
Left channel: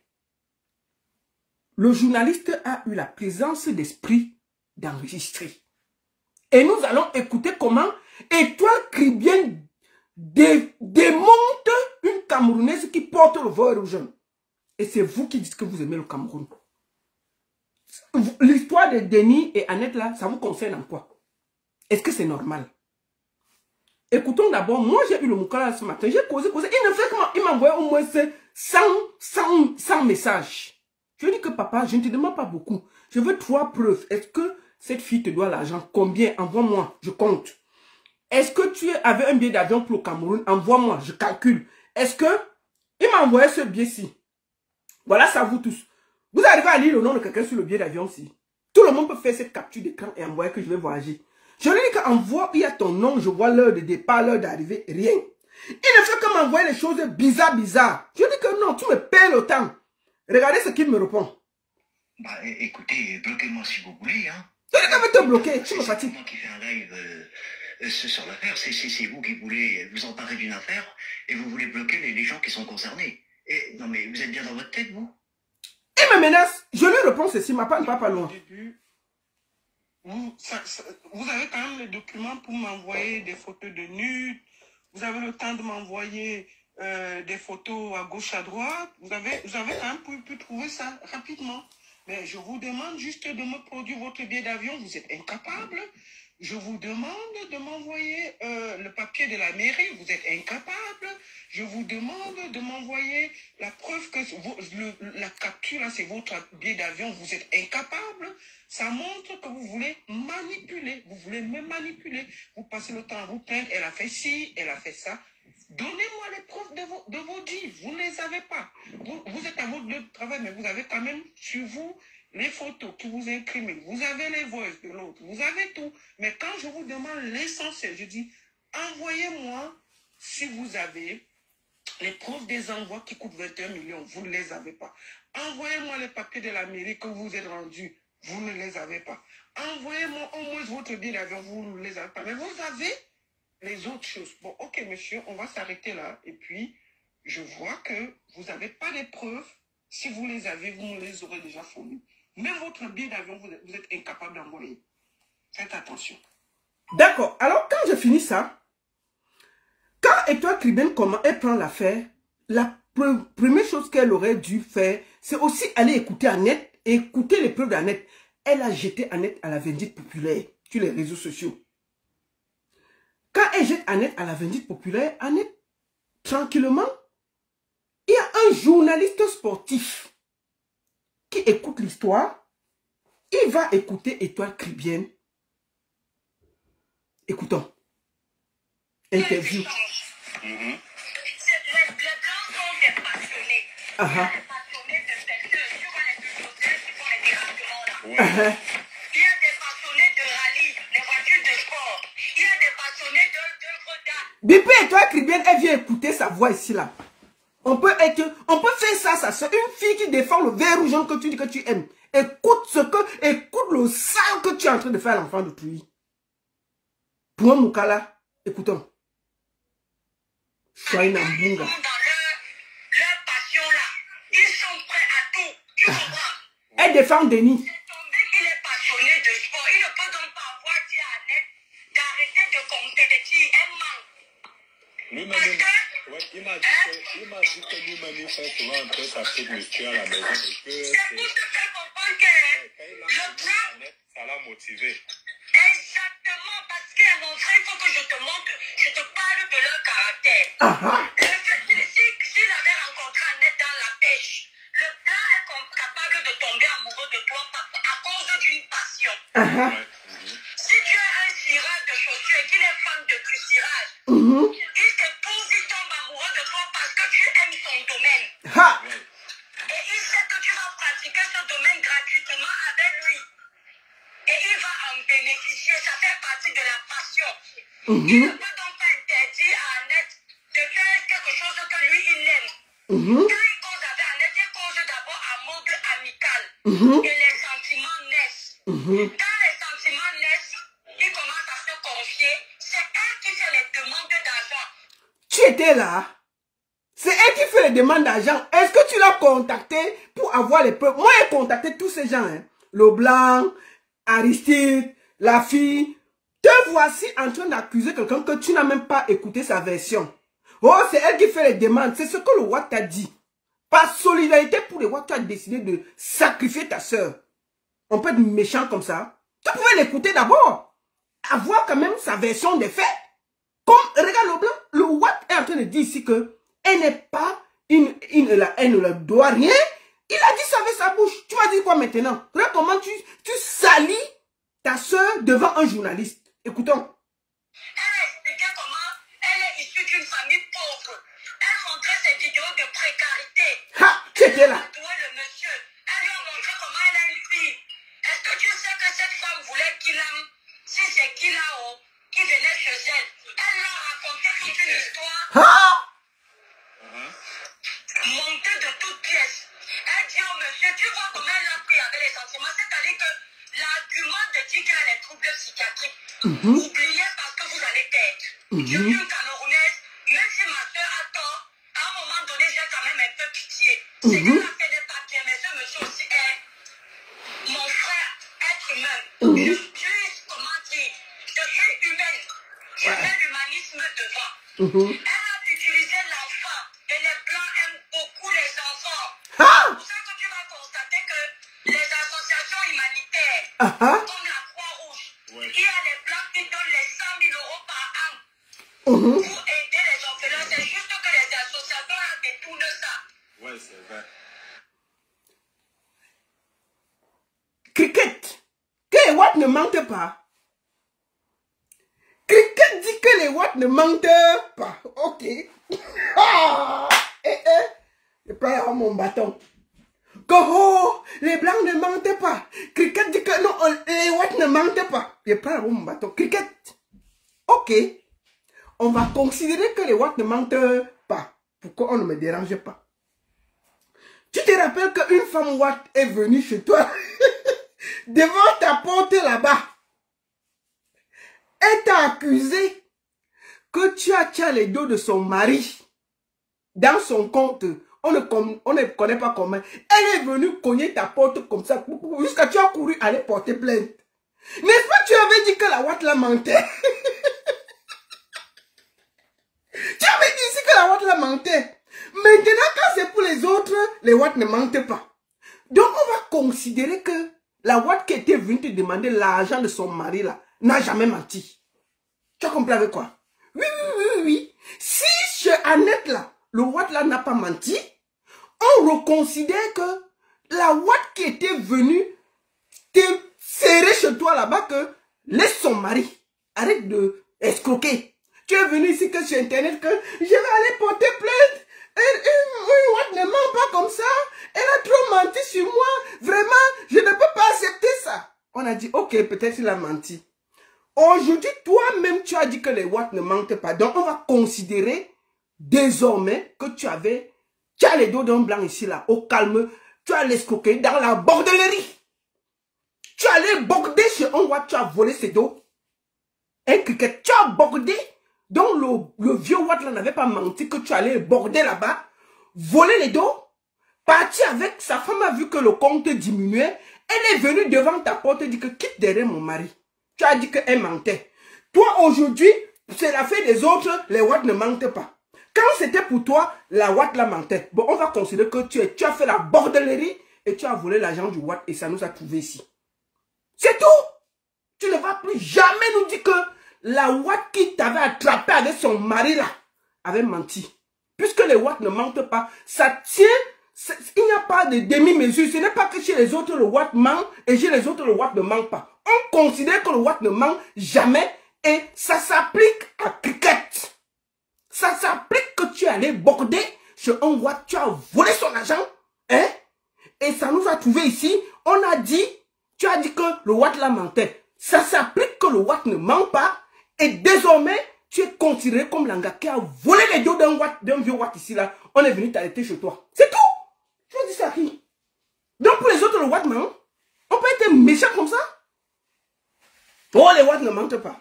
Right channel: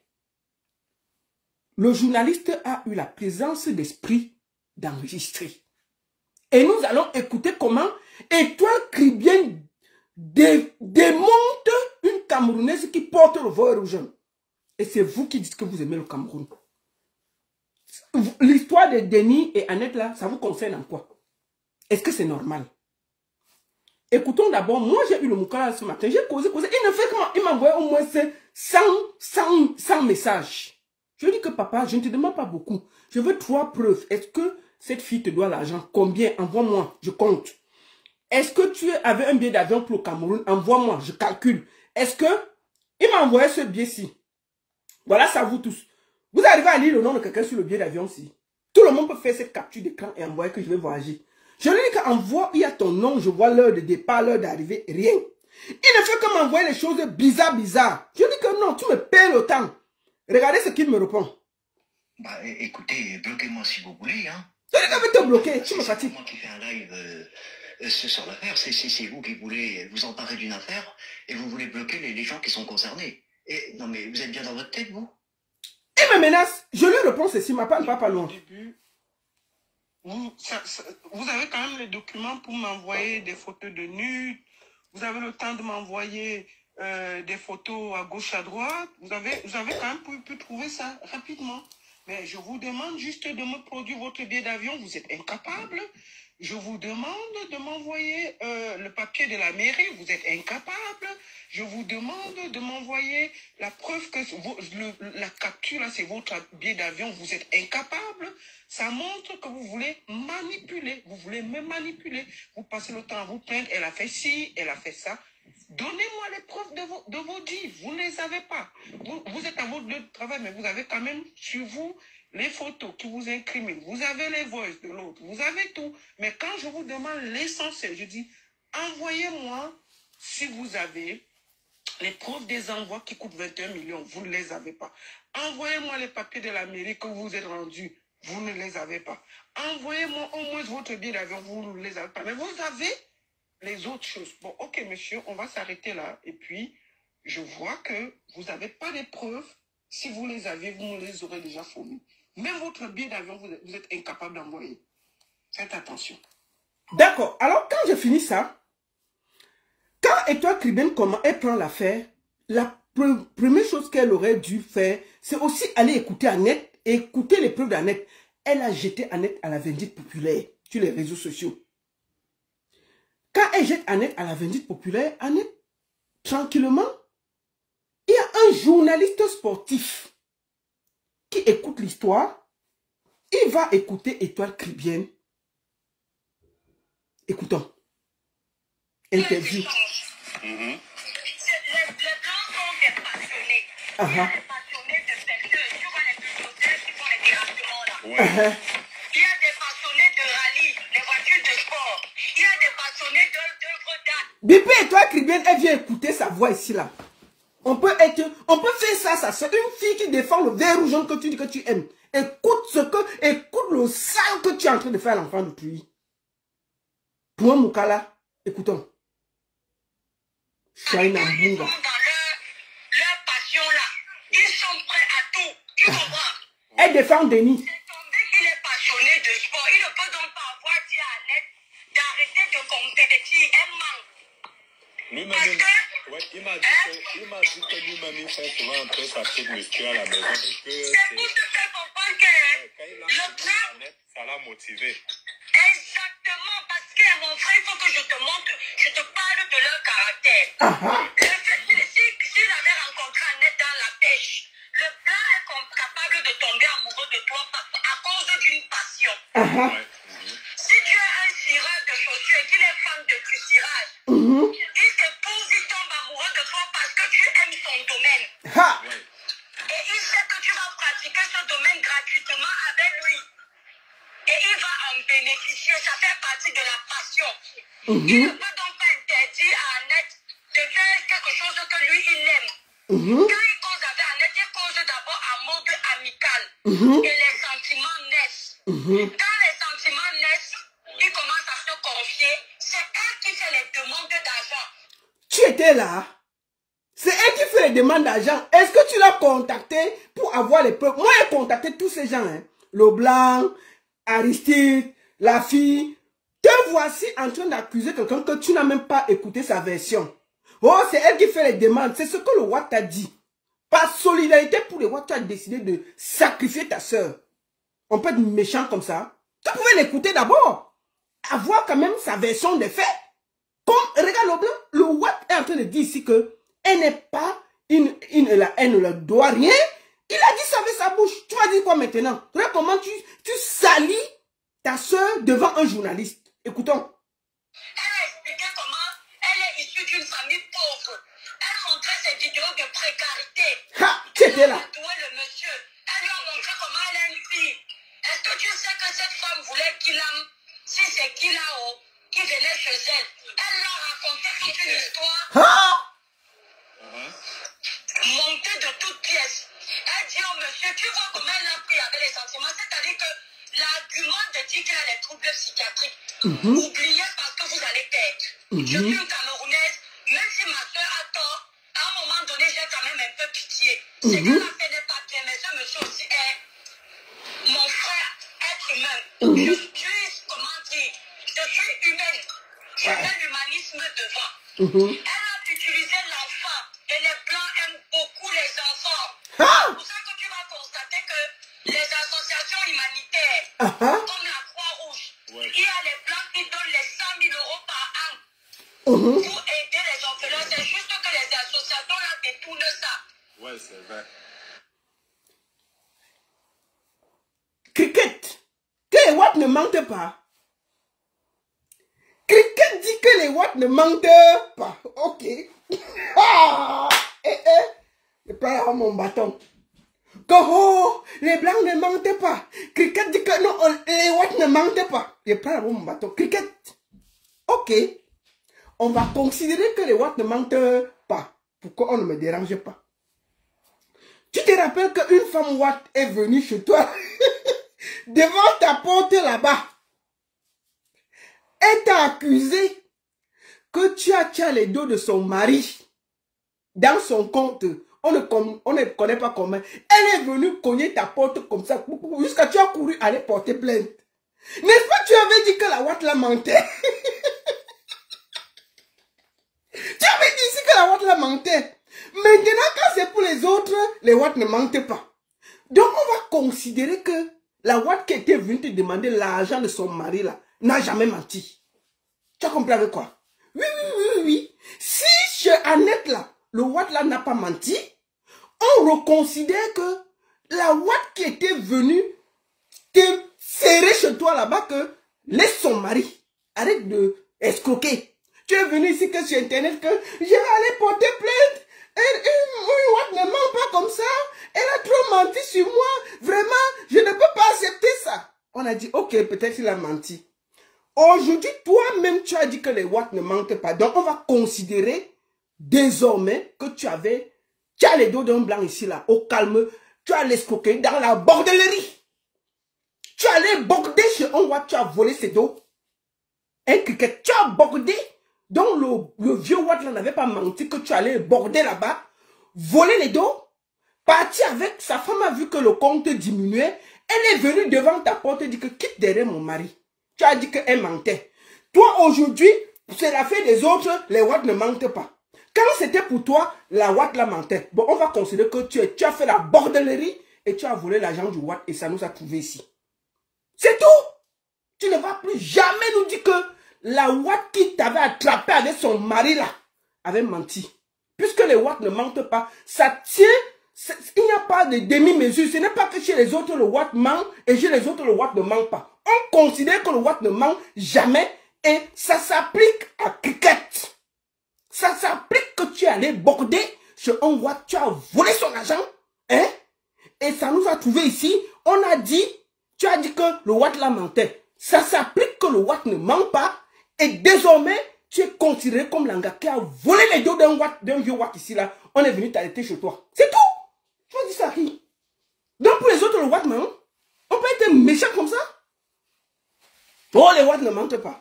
Le journaliste a eu la présence d'esprit d'enregistrer. Et nous allons écouter comment Étoile Kribien démonte une Camerounaise qui porte le vert rouge. Et c'est vous qui dites que vous aimez le Cameroun. L'histoire de Denis et Annette là, ça vous concerne en quoi? Est-ce que c'est normal? Écoutons d'abord, moi j'ai eu le Moukala ce matin, j'ai causé. Il ne fait comment? Il m'a envoyé au moins 100 messages. Je lui dis que papa, je ne te demande pas beaucoup. Je veux 3 preuves. Est-ce que cette fille te doit l'argent? Combien? Envoie-moi, je compte. Est-ce que tu avais un billet d'avion pour le Cameroun? Envoie-moi, je calcule. Est-ce que... Il m'a envoyé ce billet-ci. Voilà, ça vous tous. Vous arrivez à lire le nom de quelqu'un sur le billet d'avion-ci. Tout le monde peut faire cette capture d'écran et envoyer que je vais voyager. Je lui dis qu'envoie, il y a ton nom, je vois l'heure de départ, l'heure d'arrivée, rien. Il ne fait que m'envoyer les choses bizarres. Je dis que non, tu me perds le temps. Regardez ce qu'il me répond. Bah, écoutez, bloquez-moi si vous voulez. Hein. Je dis que te bloquer, tu me fatigues. C'est moi qui fais un live sur l'affaire. C'est vous qui voulez vous emparer d'une affaire et vous voulez bloquer les gens qui sont concernés. Et, non mais vous êtes bien dans votre tête, vous? Il me menace. Je lui réponds ceci, ma part pas loin. Vous avez quand même les documents pour m'envoyer des photos de nudes. Vous avez le temps de m'envoyer des photos à gauche, à droite. Vous avez quand même pu trouver ça rapidement. Mais je vous demande juste de me produire votre billet d'avion. Vous êtes incapable. Je vous demande de m'envoyer le papier de la mairie. Vous êtes incapable. Je vous demande de m'envoyer la preuve que la capture, là, c'est votre billet d'avion. Vous êtes incapable. Ça montre que vous voulez manipuler. Vous voulez me manipuler. Vous passez le temps à vous plaindre. Elle a fait ci, elle a fait ça. Donnez-moi les preuves de vos dits. Vous ne les avez pas. Vous êtes à votre lieu de travail, mais vous avez quand même sur vous les photos qui vous incriminent. Vous avez les voices de l'autre. Vous avez tout. Mais quand je vous demande l'essentiel, je dis, envoyez-moi si vous avez les preuves des envois qui coûtent 21 millions. Vous ne les avez pas. Envoyez-moi les papiers de la mairie que vous êtes rendus. Vous ne les avez pas. Envoyez-moi au moins votre billet d'avion. Vous ne les avez pas. Mais vous avez les autres choses. Bon, ok, monsieur, on va s'arrêter là. Et puis, je vois que vous n'avez pas les preuves. Si vous les avez, vous me les aurez déjà fournies. Même votre billet d'avion, vous êtes incapable d'envoyer. Faites attention. D'accord. Alors, quand je finis ça, quand Étoile Kribien, comment elle prend l'affaire, la première chose qu'elle aurait dû faire, c'est aussi aller écouter Annette et écouter les preuves d'Annette. Elle a jeté Annette à la vindicte populaire sur les réseaux sociaux. Quand elle jette Annette à la vindicte populaire, Annette, tranquillement, il y a un journaliste sportif qui écoute l'histoire. Il va écouter Étoile Kribien. Écoutons. Interview. Les blancs sont des passionnés. Uh-huh. Des passionnés de quelqu'un. Tu vois les sociétés qui font les dérangements là. Uh-huh. Il y a des passionnés de rallye, de voitures de sport. Il y a des passionnés d'œuvres d'art. Bibi Étoile Kribien, elle vient écouter sa voix ici là. On peut faire ça, c'est une fille qui défend le vert rouge que tu dis que tu aimes. Écoute le sang que tu es en train de faire à l'enfant d'autrui. Pour un Moukala, écoutons. Soyez Ils Nambunga. sont dans leur passion là. Ils sont prêts à tout. Tu comprends? Elle défend Denis. C'est ton petit, elle manque. Parce que... Ouais, il m'a dit que lui-même il fait souvent un peu sa petite muscu à la maison. C'est pour te faire comprendre que le plan... Ça l'a motivé. Exactement, parce que mon frère, il faut que je te montre, je te parle de leur caractère. S'il avait rencontré Annette dans la pêche, le plan est capable de tomber amoureux de toi à cause d'une passion. Si tu es un cireur de chaussures et qu'il est fan de cirage, il s'épouse, il tombe amoureux de toi parce que tu aimes son domaine. Et il sait que tu vas pratiquer ce domaine gratuitement avec lui. Et il va en bénéficier, ça fait partie de la passion. Il ne peut donc pas interdire à Annette de faire quelque chose que lui, il aime. Quand il cause avec Annette, il cause d'abord en mode amical. Et les sentiments naissent. Quand les sentiments naissent, il commence à se confier. C'est elle qui fait les demandes d'argent. Tu étais là? C'est elle qui fait les demandes d'argent. Est-ce que tu l'as contacté pour avoir les preuves? Moi, j'ai contacté tous ces gens. Hein. Le blanc, Aristide, la fille. Te voici en train d'accuser quelqu'un que tu n'as même pas écouté sa version. Oh, c'est elle qui fait les demandes. C'est ce que le Watt t'a dit. Par solidarité pour les Watt, tu as décidé de sacrifier ta soeur. On peut être méchant comme ça. Tu pouvais l'écouter d'abord. Avoir quand même sa version des faits. Comme, regarde le blanc, le Watt est en train de dire ici que elle n'est pas, elle ne leur doit rien. Il a dit ça avec sa bouche. Tu vas dire quoi maintenant? Regarde comment tu salis ta soeur devant un journaliste. Écoutons. Elle a expliqué comment elle est issue d'une famille pauvre. Elle montrait ses vidéos de précarité. Tu étais là. Elle a le monsieur. Elle lui a montré comment elle a une fille. Est-ce que tu sais que cette femme voulait qu'il aime? Si c'est qu'il a qui venait chez elle. Elle leur a raconté toute une histoire. Montée de toutes pièces. Elle dit au monsieur, tu vois comment elle a pris avec les sentiments. C'est-à-dire que l'argument de dire qu'elle a des troubles psychiatriques, oubliez parce que vous allez perdre. Je suis une Camerounaise, même si ma soeur a tort, à un moment donné, j'ai quand même un peu pitié. C'est qu'elle a fait des papiers, mais ce monsieur aussi est mon frère, être humain. Je suis, comment dire, je suis humaine. Je mets l'humanisme devant. Elle a utilisé l'enfant et les blancs aiment beaucoup les enfants. C'est pour ça que tu vas constater que les associations humanitaires, comme la Croix-Rouge, il y a les blancs qui donnent les 100 000 € par an pour aider les orphelins. C'est juste que les associations là détournent ça. Ouais, c'est vrai. Cricket, que les Watt ne mentent pas. Cricket dit que les Watt ne mentent pas. Ok. Je prends mon bâton. Que oh, les blancs ne mentent pas. Cricket dit que non, les Watt ne mentent pas. Je prends mon bâton. Cricket. Ok. On va considérer que les Watt ne mentent pas. Pourquoi on ne me dérange pas? Tu te rappelles qu'une femme Watt est venue chez toi devant ta porte là-bas. Elle t'a accusé que tu as les dos de son mari dans son compte. On ne connaît pas comment. Elle est venue cogner ta porte comme ça jusqu'à tu as couru aller porter plainte. N'est-ce pas tu avais dit que la Watt la mentait? Tu avais dit ici que la Watt la mentait. Maintenant, quand c'est pour les autres, les Watt ne mentent pas. Donc, on va considérer que la Watt qui était venue te demander l'argent de son mari là, n'a jamais menti. Tu as compris avec quoi? Oui. Si chez Annette là, le Watt là n'a pas menti, on reconsidère que la Watt qui était venue te serrer chez toi là-bas, que laisse son mari. Arrête de escroquer. Tu es venu ici que sur Internet que je vais aller porter plainte. Une Watt ne ment pas comme ça. Elle a trop menti sur moi. Vraiment, je ne peux pas accepter ça. On a dit, ok, peut-être il a menti. Aujourd'hui, toi-même, tu as dit que les Watt ne mentent pas. Donc, on va considérer désormais que tu as les dos d'un blanc ici, là, au calme. Tu as l'escroqué dans la bordellerie. Tu allais border sur un Watt, tu as volé ses dos. Un cricket, tu as bordé. Donc, le vieux Watt là n'avait pas menti que tu allais border là-bas, voler les dos. Parti avec, sa femme a vu que le compte diminuait. Elle est venue devant ta porte et dit que quitte derrière mon mari. Tu as dit qu'elle mentait. Toi, aujourd'hui, c'est l'affaire des autres, les Watt ne mentent pas. Quand c'était pour toi, la Watt la mentait. Bon, on va considérer que tu as fait la bordellerie et tu as volé l'argent du Watt et ça nous a trouvé ici. C'est tout. Tu ne vas plus jamais nous dire que la Watt qui t'avait attrapé avec son mari là avait menti. Puisque les Watt ne mentent pas, ça tient, il n'y a pas de demi-mesure. Ce n'est pas que chez les autres le Watt ment et chez les autres le Watt ne ment pas. On considère que le Watt ne ment jamais et ça s'applique à cricket. Ça s'applique que tu es allé border sur un Watt, tu as volé son argent, hein? Et ça nous a trouvé ici, on a dit, tu as dit que le Watt la mentait. Ça s'applique que le Watt ne ment pas et désormais, tu es considéré comme l'anga qui a volé les dos d'un vieux Watt ici là. On est venu t'arrêter chez toi. C'est tout. Tu vas dire ça à qui? Donc pour les autres, le Watt ment. On peut être méchant comme ça? Oh, les Watt ne mentent pas.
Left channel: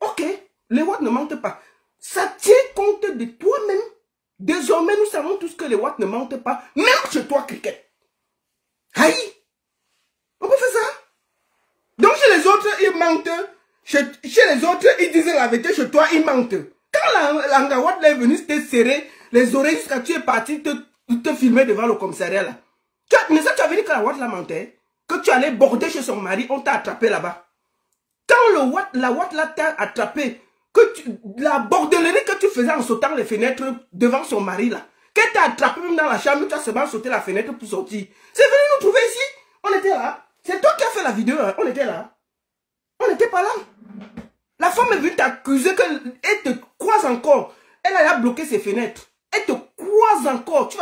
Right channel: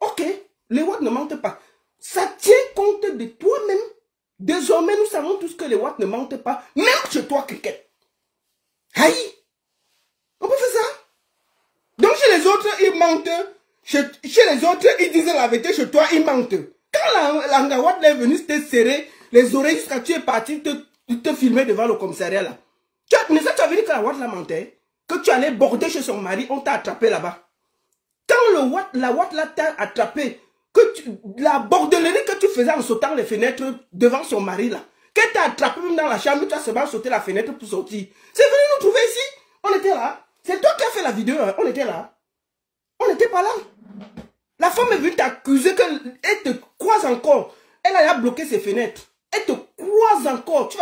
Ok, les Watt ne mentent pas. Ça tient compte de toi-même. Désormais, nous savons tous que les Watt ne mentent pas. Même chez toi, cricket. Aïe. On peut faire ça. Donc chez les autres, ils mentent. Chez les autres, ils disent la vérité. Chez toi, ils mentent. Quand l'anga Watt est venu te serrer les oreilles jusqu'à tu es parti te filmer devant le commissariat là. Mais ça, tu as vu que la Watt la mentait. Que tu allais border chez son mari, on t'a attrapé là-bas. Quand la Watt là t'a attrapé, la bordellerie que tu faisais en sautant les fenêtres devant son mari là, qu'elle t'a attrapé même dans la chambre, tu as seulement sauté la fenêtre pour sortir. C'est venu nous trouver ici. On était là. C'est toi qui as fait la vidéo. Hein. On était là. On n'était pas là. La femme est venue t'accuser qu'elle te croise encore. Elle a bloqué ses fenêtres. Elle te croise encore. Tu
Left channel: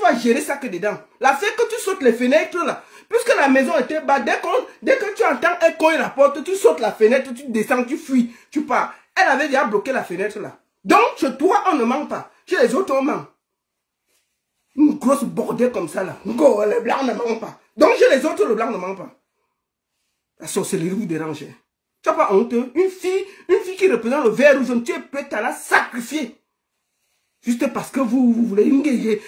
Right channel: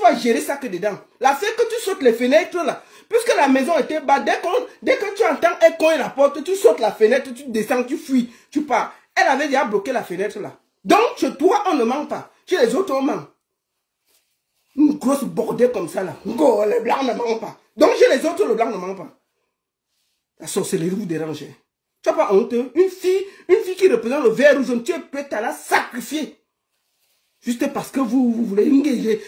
vas gérer ça que dedans. La fait que tu sautes les fenêtres là. Puisque la maison était bas, dès que tu entends un coin la porte, tu sautes la fenêtre, tu descends, tu fuis, tu pars. Elle avait déjà bloqué la fenêtre là. Donc, chez toi, on ne ment pas. Chez les autres, on ment. Une grosse bordée comme ça là. Les blancs ne mentent pas. Donc, chez les autres, le blanc ne ment pas. La sorcellerie vous dérange. Tu n'as pas honte. Une fille qui représente le vert rouge, tu es prête à la sacrifier. Juste parce que vous voulez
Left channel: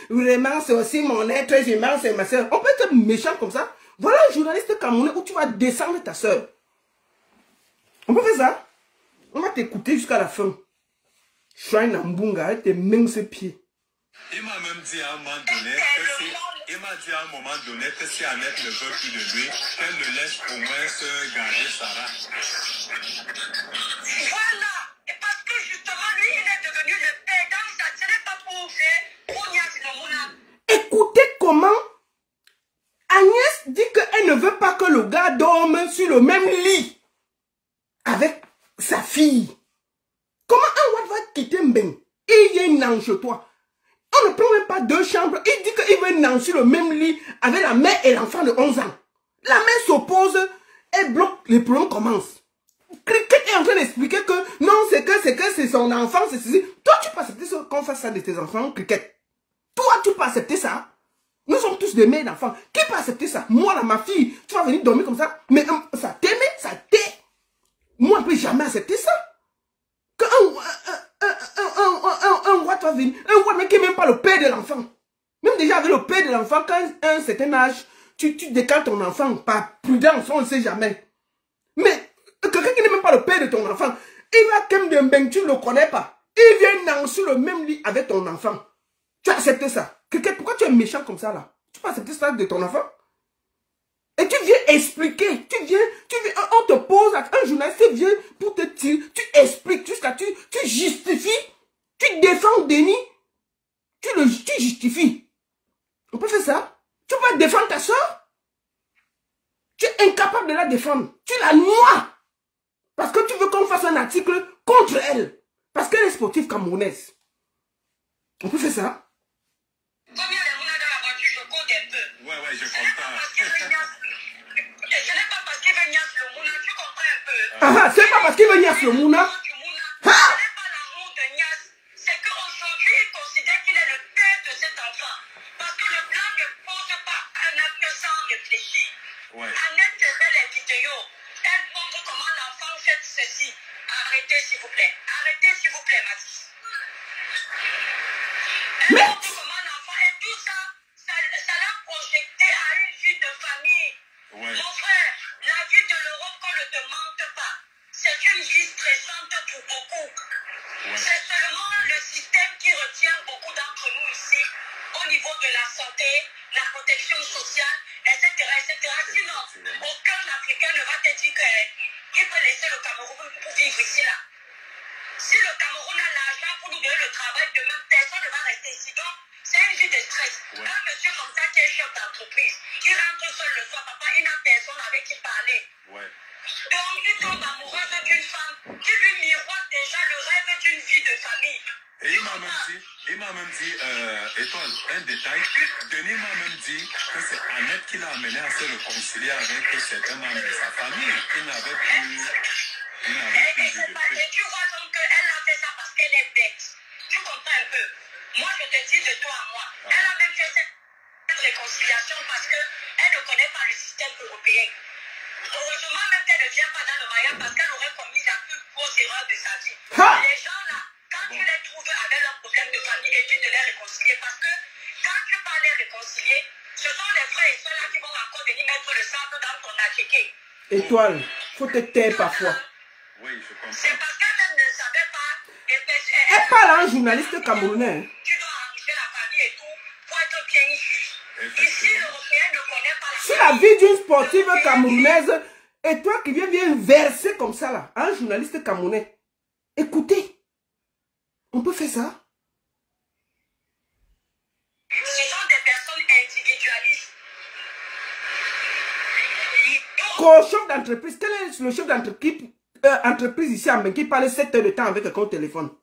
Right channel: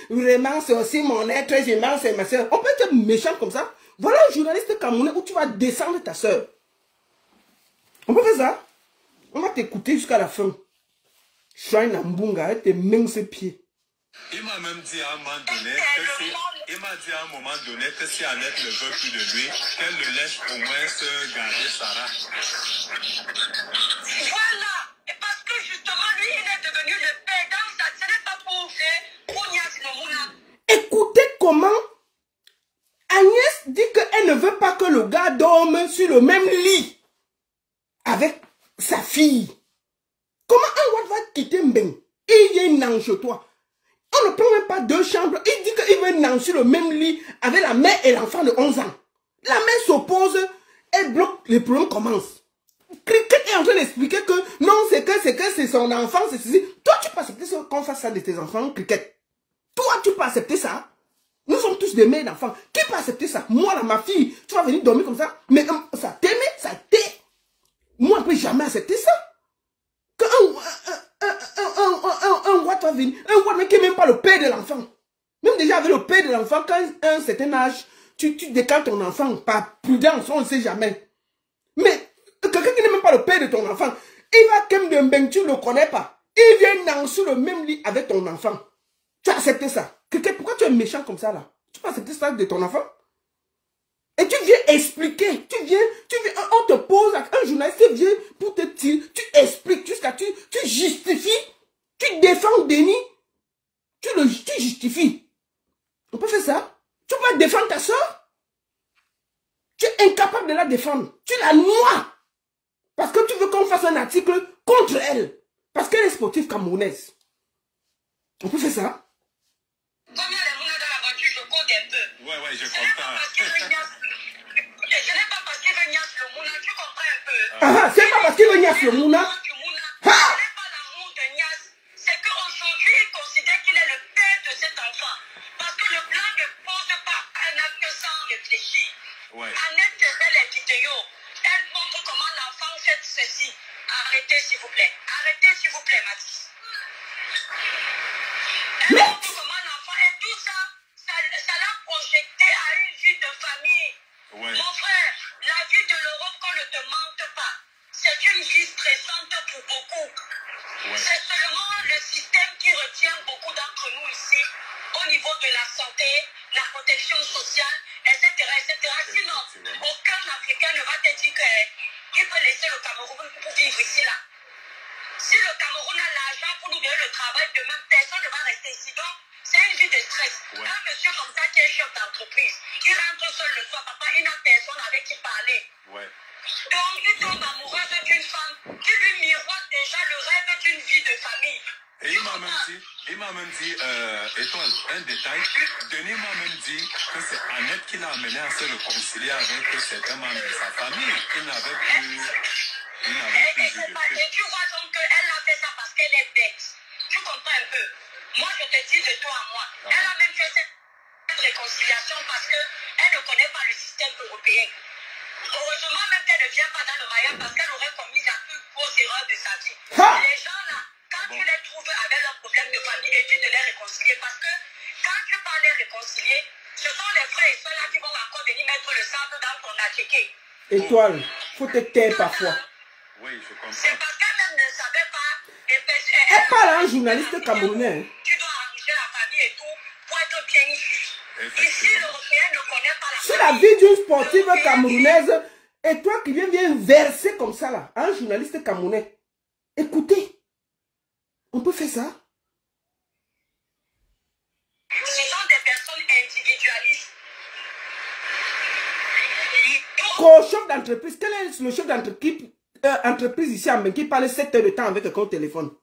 vraiment, c'est aussi mon être humain, c'est ma soeur. On peut être méchant comme ça. Voilà un journaliste camerounais où tu vas descendre ta soeur. On peut faire ça. On va t'écouter jusqu'à la fin. Shrine Mbunga avec tes minces pieds. Il m'a même dit à un moment donné que si Annette ne veut plus de lui, qu'elle le laisse au moins se garder Sarah. Voilà. Et parce que justement, lui, il est devenu le perdant, ça ne serait pas pour Nias Momouna. Écoutez comment Agnès dit qu'elle ne veut pas que le gars dorme sur le même lit avec sa fille. Comment un Watt va quitter Mbeng? Il vient dans chez toi. On ne prend même pas deux chambres. Il dit qu'il veut dans sur le même lit avec la mère et l'enfant de 11 ans. La mère s'oppose et bloque. Les problèmes commencent. Cricket est en train d'expliquer que non, c'est son enfant, c'est ceci. Toi, tu peux accepter qu'on fasse ça de tes enfants, Cricket. Toi, tu peux accepter ça. Nous sommes tous des mères d'enfants. Qui peut accepter ça? Moi, là, ma fille, tu vas venir dormir comme ça. Mais ça t'aime, ça t'aime. Moi, je ne peux jamais accepter ça. Que un Watt va venir. Un Watt, mais qui n'est même pas le père de l'enfant. Même déjà avec le père de l'enfant, quand à un certain âge, tu décales ton enfant. Par prudence, on ne sait jamais. Mais quelqu'un qui n'est même pas le père de ton enfant, il va comme de Mbeng, tu ne le connais pas. Il vient dans sur le même lit avec ton enfant. Tu acceptes ça? Pourquoi tu es méchant comme ça là? Tu peux accepter ça de ton enfant? Et tu viens expliquer, tu viens, on te pose, un journaliste vient pour te tirer, tu expliques jusqu'à tu justifies, tu défends Denis, tu justifies. On peut faire ça? Tu peux défendre ta soeur? Tu es incapable de la défendre. Tu la noies. Parce que tu veux qu'on fasse un article contre elle. Parce qu'elle est sportive camerounaise. On peut faire ça? Combien de monde dans la voiture, je compte un peu. Ouais, je comprends. Ce n'est pas parce qu'il veut Nias le Mouna, tu comprends un peu. Ah, c'est pas parce qu'il veut Nias le Mouna. Ce n'est pas l'amour de Nias, c'est qu'aujourd'hui, il considère qu'il est le père de cet enfant. Parce que le blanc ne pose pas un acte sans réfléchir. Ouais. Annette fait les vidéos. Elle montre comment l'enfant fait ceci. Arrêtez, s'il vous plaît. Arrêtez, s'il vous plaît, Mathis. Elle montre comment l'enfant et tout ça, ça l'a projecté à une vie de famille. Ouais. Mon frère, la vie de l'Europe qu'on ne te mente pas. C'est une vie stressante pour beaucoup. social, etc. Sinon, aucun Africain ne va te dire qu'il peut laisser le Cameroun pour vivre ici, là. Si le Cameroun a l'argent pour nous donner le travail, demain, personne ne va rester ici. Donc, c'est une vie de stress. Ouais. Un monsieur comme ça qui est chef d'entreprise, qui rentre seul le soir, papa, il n'a personne avec qui parler. Ouais. Donc, il tombe amoureux d'une femme qui lui miroite déjà le rêve d'une vie de famille. Et il m'a même dit, Étoile, un détail, Denis m'a même dit que c'est Annette qui l'a amené à se réconcilier avec certains membres de sa famille. Il n'avait plus... Et tu vois donc qu'elle a fait ça parce qu'elle est bête. Tu comprends un peu? Moi, je te dis de toi à moi. Elle a même fait cette réconciliation parce qu'elle ne connaît pas le système européen. Heureusement même qu'elle ne vient pas dans le Maya parce qu'elle aurait commis la plus grosse erreur de sa vie. Les gens là, quand tu les trouves avec leurs problèmes de famille, et tu de les réconcilier parce que quand tu parles de les réconcilier, ce sont les frères et soeurs là qui vont encore venir mettre le sable dans ton attiqué. Étoile, faut te taire parfois. Oui, je comprends. C'est parce qu'elle ne savait pas. Elle parle à un journaliste camerounais. Tu dois arranger la famille et tout pour être bien ici. Ici, l'Européen ne connaît pas la sur la vie d'une sportive camerounaise, et toi qui viens verser comme ça là, à un journaliste camerounais. Écoutez, on peut faire ça. Ce sont des personnes individualistes. Chef d'entreprise, quel est le chef d'entreprise ici en Bénin qui parle 7 heures de temps avec quelqu'un au téléphone?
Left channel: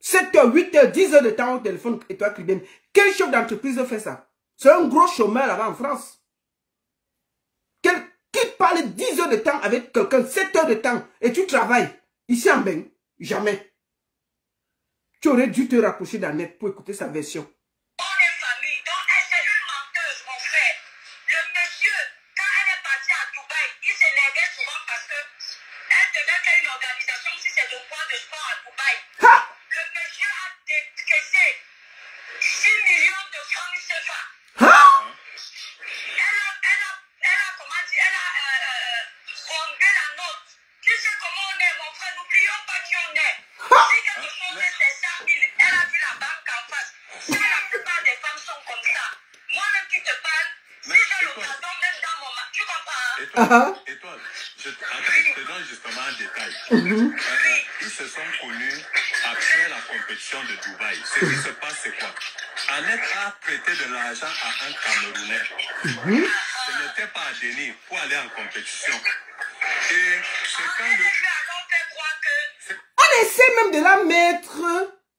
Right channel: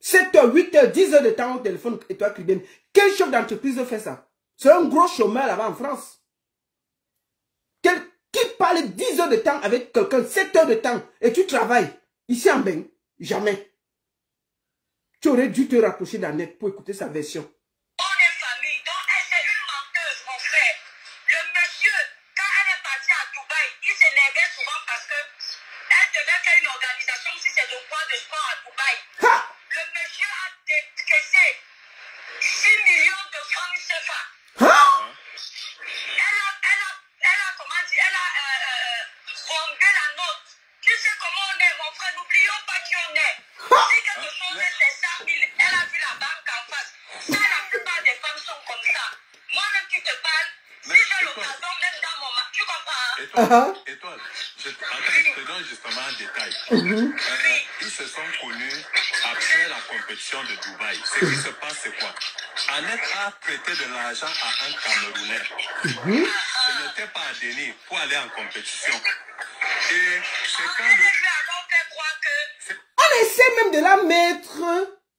7 heures, 8 heures, 10 heures de temps au téléphone et toi qui viens. Quel chef d'entreprise fait ça? C'est un gros chômeur là-bas en France. Qui parle 10 heures de temps avec quelqu'un, 7 heures de temps et tu travailles ici en Bénin? Jamais. Tu aurais dû te rapprocher d'Annette pour écouter sa version. Étoile, je te donne justement un détail. Ils se sont connus après la compétition de Dubaï. Ce qui se passe, c'est quoi? Annette a prêté de l'argent à un Camerounais. Ce n'était pas à Denis pour aller en compétition. Et c'est quand on essaie même de la mettre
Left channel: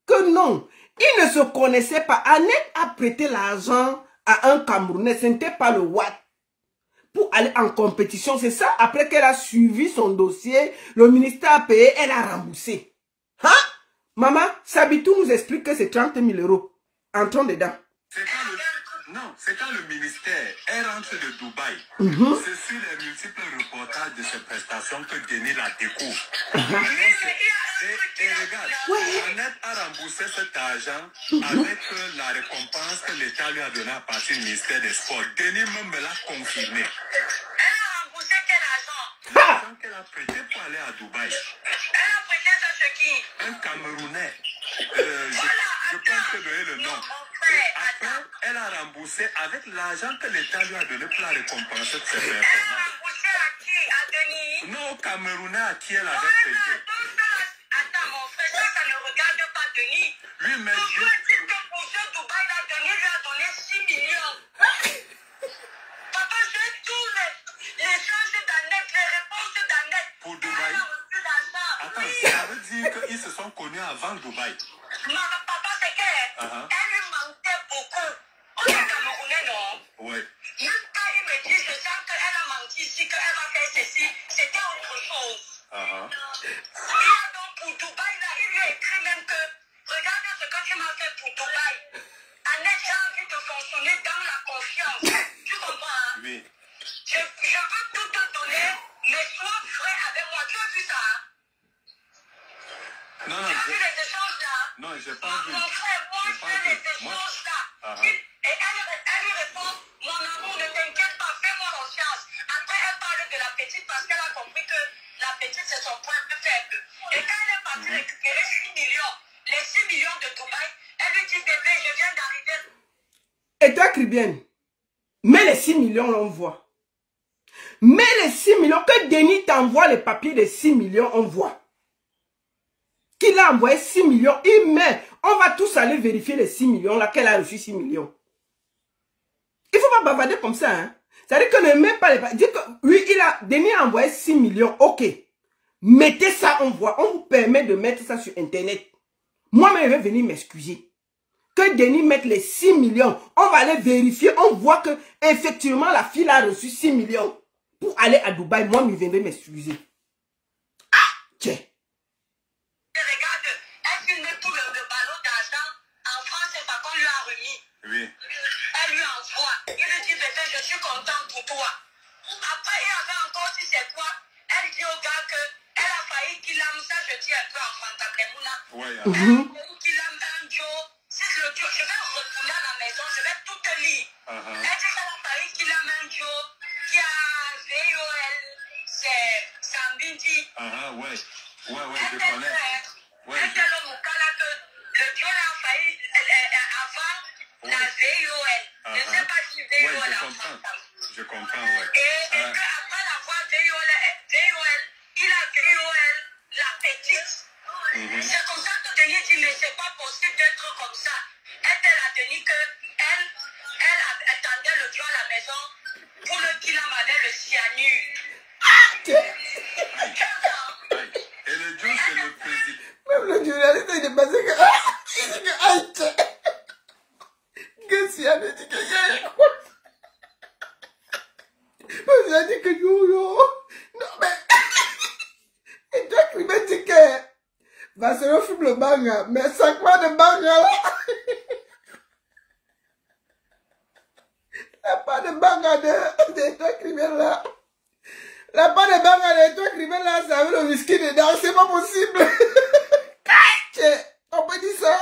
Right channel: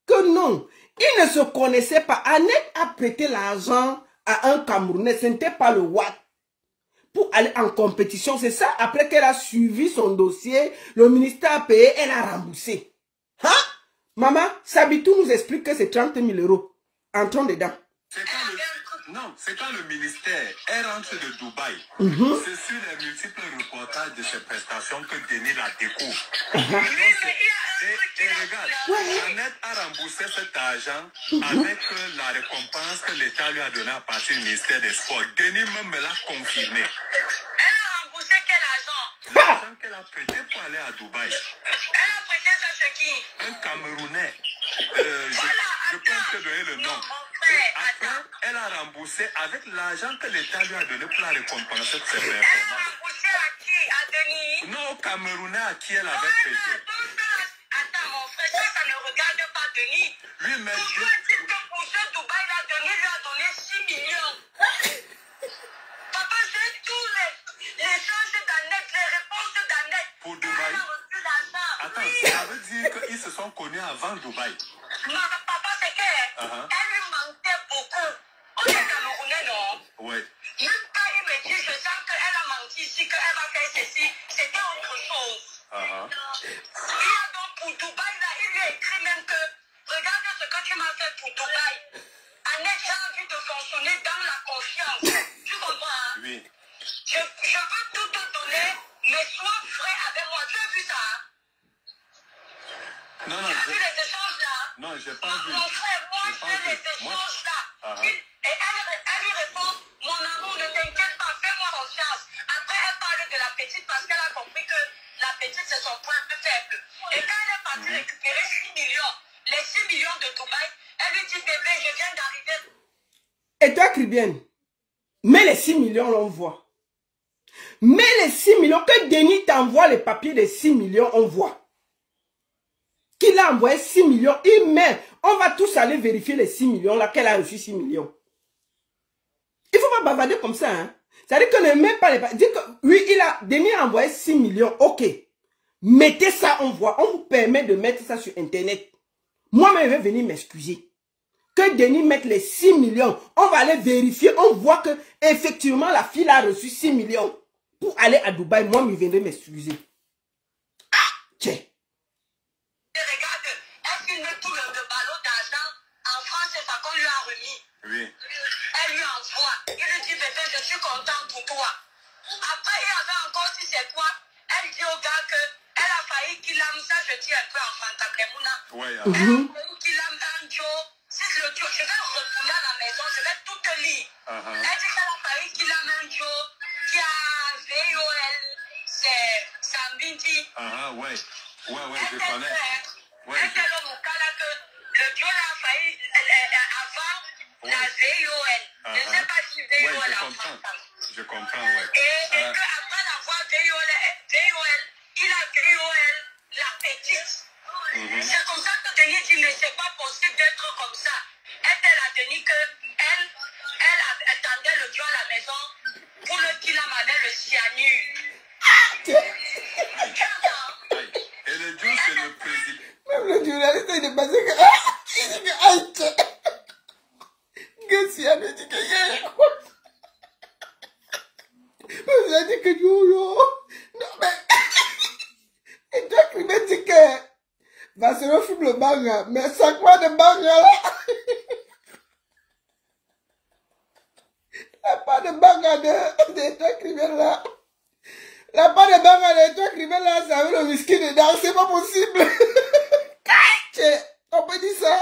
que non. Ils ne se connaissaient pas. Annette a prêté l'argent à un Camerounais. Ce n'était pas le Watt. Pour aller en compétition, c'est ça. Après qu'elle a suivi son dossier, le ministère a payé, elle a remboursé. Hein? Maman, Sabitou nous explique que c'est 30 000 €. Entrons dedans. C'est quand le ministère est rentré de Dubaï. C'est sur les multiples reportages de ces prestations que Denis la découvre. Et regarde, Annette a remboursé cet argent avec la récompense que l'État lui a donnée à partir du ministère des Sports. Denis même me l'a confirmé. Elle a remboursé quel argent? L'argent qu'elle a prêté pour aller à Dubaï. Elle a prêté ça chez qui? Un Camerounais. Je peux te donner le nom. Et après, elle a remboursé avec l'argent que l'État lui a donné pour la récompenser de ses performances. Elle a remboursé à qui? À Denis? Non, au Camerounais à qui elle avait prêté. Attends, mon frère, ça ne regarde pas Denis. Lui, mais toujours est-il que pour ce Dubaï, là, Denis lui a donné 6 millions. Papa, j'ai tous les choses d'Annette, les réponses d'Annette. Pour Dubaï? Attends, ça veut dire qu'ils se sont connus avant Dubaï. Papa, c'est qu'elle lui mentait beaucoup. On est Camerounais, non? Oui. Même quand il me dit, je sens qu'elle a menti ici, qu'elle va faire ceci, c'était autre chose. Il y a donc pour Dubaï, là, il lui a écrit même que, regarde ce que tu m'as fait pour Dubaï. Annette, j'ai envie de fonctionner dans la confiance. Tu comprends? Hein? Oui. Je veux tout te donner, mais sois vrai avec moi. Tu as vu ça? Non, tu as vu les échanges là? Non, j'ai pas vu. Mon frère, moi, je fais les échanges là. Et elle lui répond, mon amour, ne t'inquiète pas, fais-moi confiance. Après, elle parle de la petite parce qu'elle a compris que la petite, c'est son point plus faible. Et quand elle est partie récupérer 6 millions, les 6 millions de Dubaï, elle lui dit, bébé, je viens d'arriver. Et toi, Cribienne, Mais les 6 millions, on voit. Mais les 6 millions, que Denis t'envoie les papiers de 6 millions, on voit. Qu'il a envoyé 6 millions, il met. On va tous aller vérifier les 6 millions, là, qu'elle a reçu 6 millions. Il ne faut pas bavarder comme ça, hein. C'est-à-dire qu'on ne met pas les papiers. Dire que, oui, Denis a envoyé 6 millions, ok. Mettez ça, on voit. On vous permet de mettre ça sur Internet. Moi-même, je vais venir m'excuser. Que Denis mette les 6 millions. On va aller vérifier. On voit que effectivement la fille a reçu 6 millions. Pour aller à Dubaï, moi, je viendrai m'excuser. Ah, tiens. Regarde, elle filme tout le ballon d'argent. En France, c'est pas qu'on lui a remis. Oui. Elle lui envoie. Il lui dit, bébé, je suis content pour toi. Après, il y avait encore, si c'est toi, elle dit au gars que elle a failli qu'il aime ça, je dis un peu en fantablemouna. Oui. Elle a failli qu'il aime un Joe. Si le Joe, je vais retourner à la maison, je vais tout te lire. Elle dit qu'elle a failli qu'il aime un Joe qui a VOL, c'est un bindi. Ouais, je Elle connais. Ouais, elle dit au Moukala que le Joe a failli avant la VOL. Je ne sais pas si VOL ouais, a fait. je comprends, ouais. Et qu'après l'avoir VOL, il a VOL la petite. C'est comme ça que Denis dit, mais c'est pas possible d'être comme ça. Elle a dit qu'elle attendait le Dieu à la maison pour le qu'il avait le cyanure. Et le Dieu, c'est le président. Même le journaliste, il est passé que... Il dit que... Aïe, tiens. Que cyanure, dit que... Il a dit que yo. Non, mais... Et toi, qui me dit que... Va se refume le banga. Mais 5 mois de banga, là. La part de banga de toi, criminel, là. La part de banga de toi, criminel, là, ça avait le whisky dedans. C'est pas possible. On peut dire ça.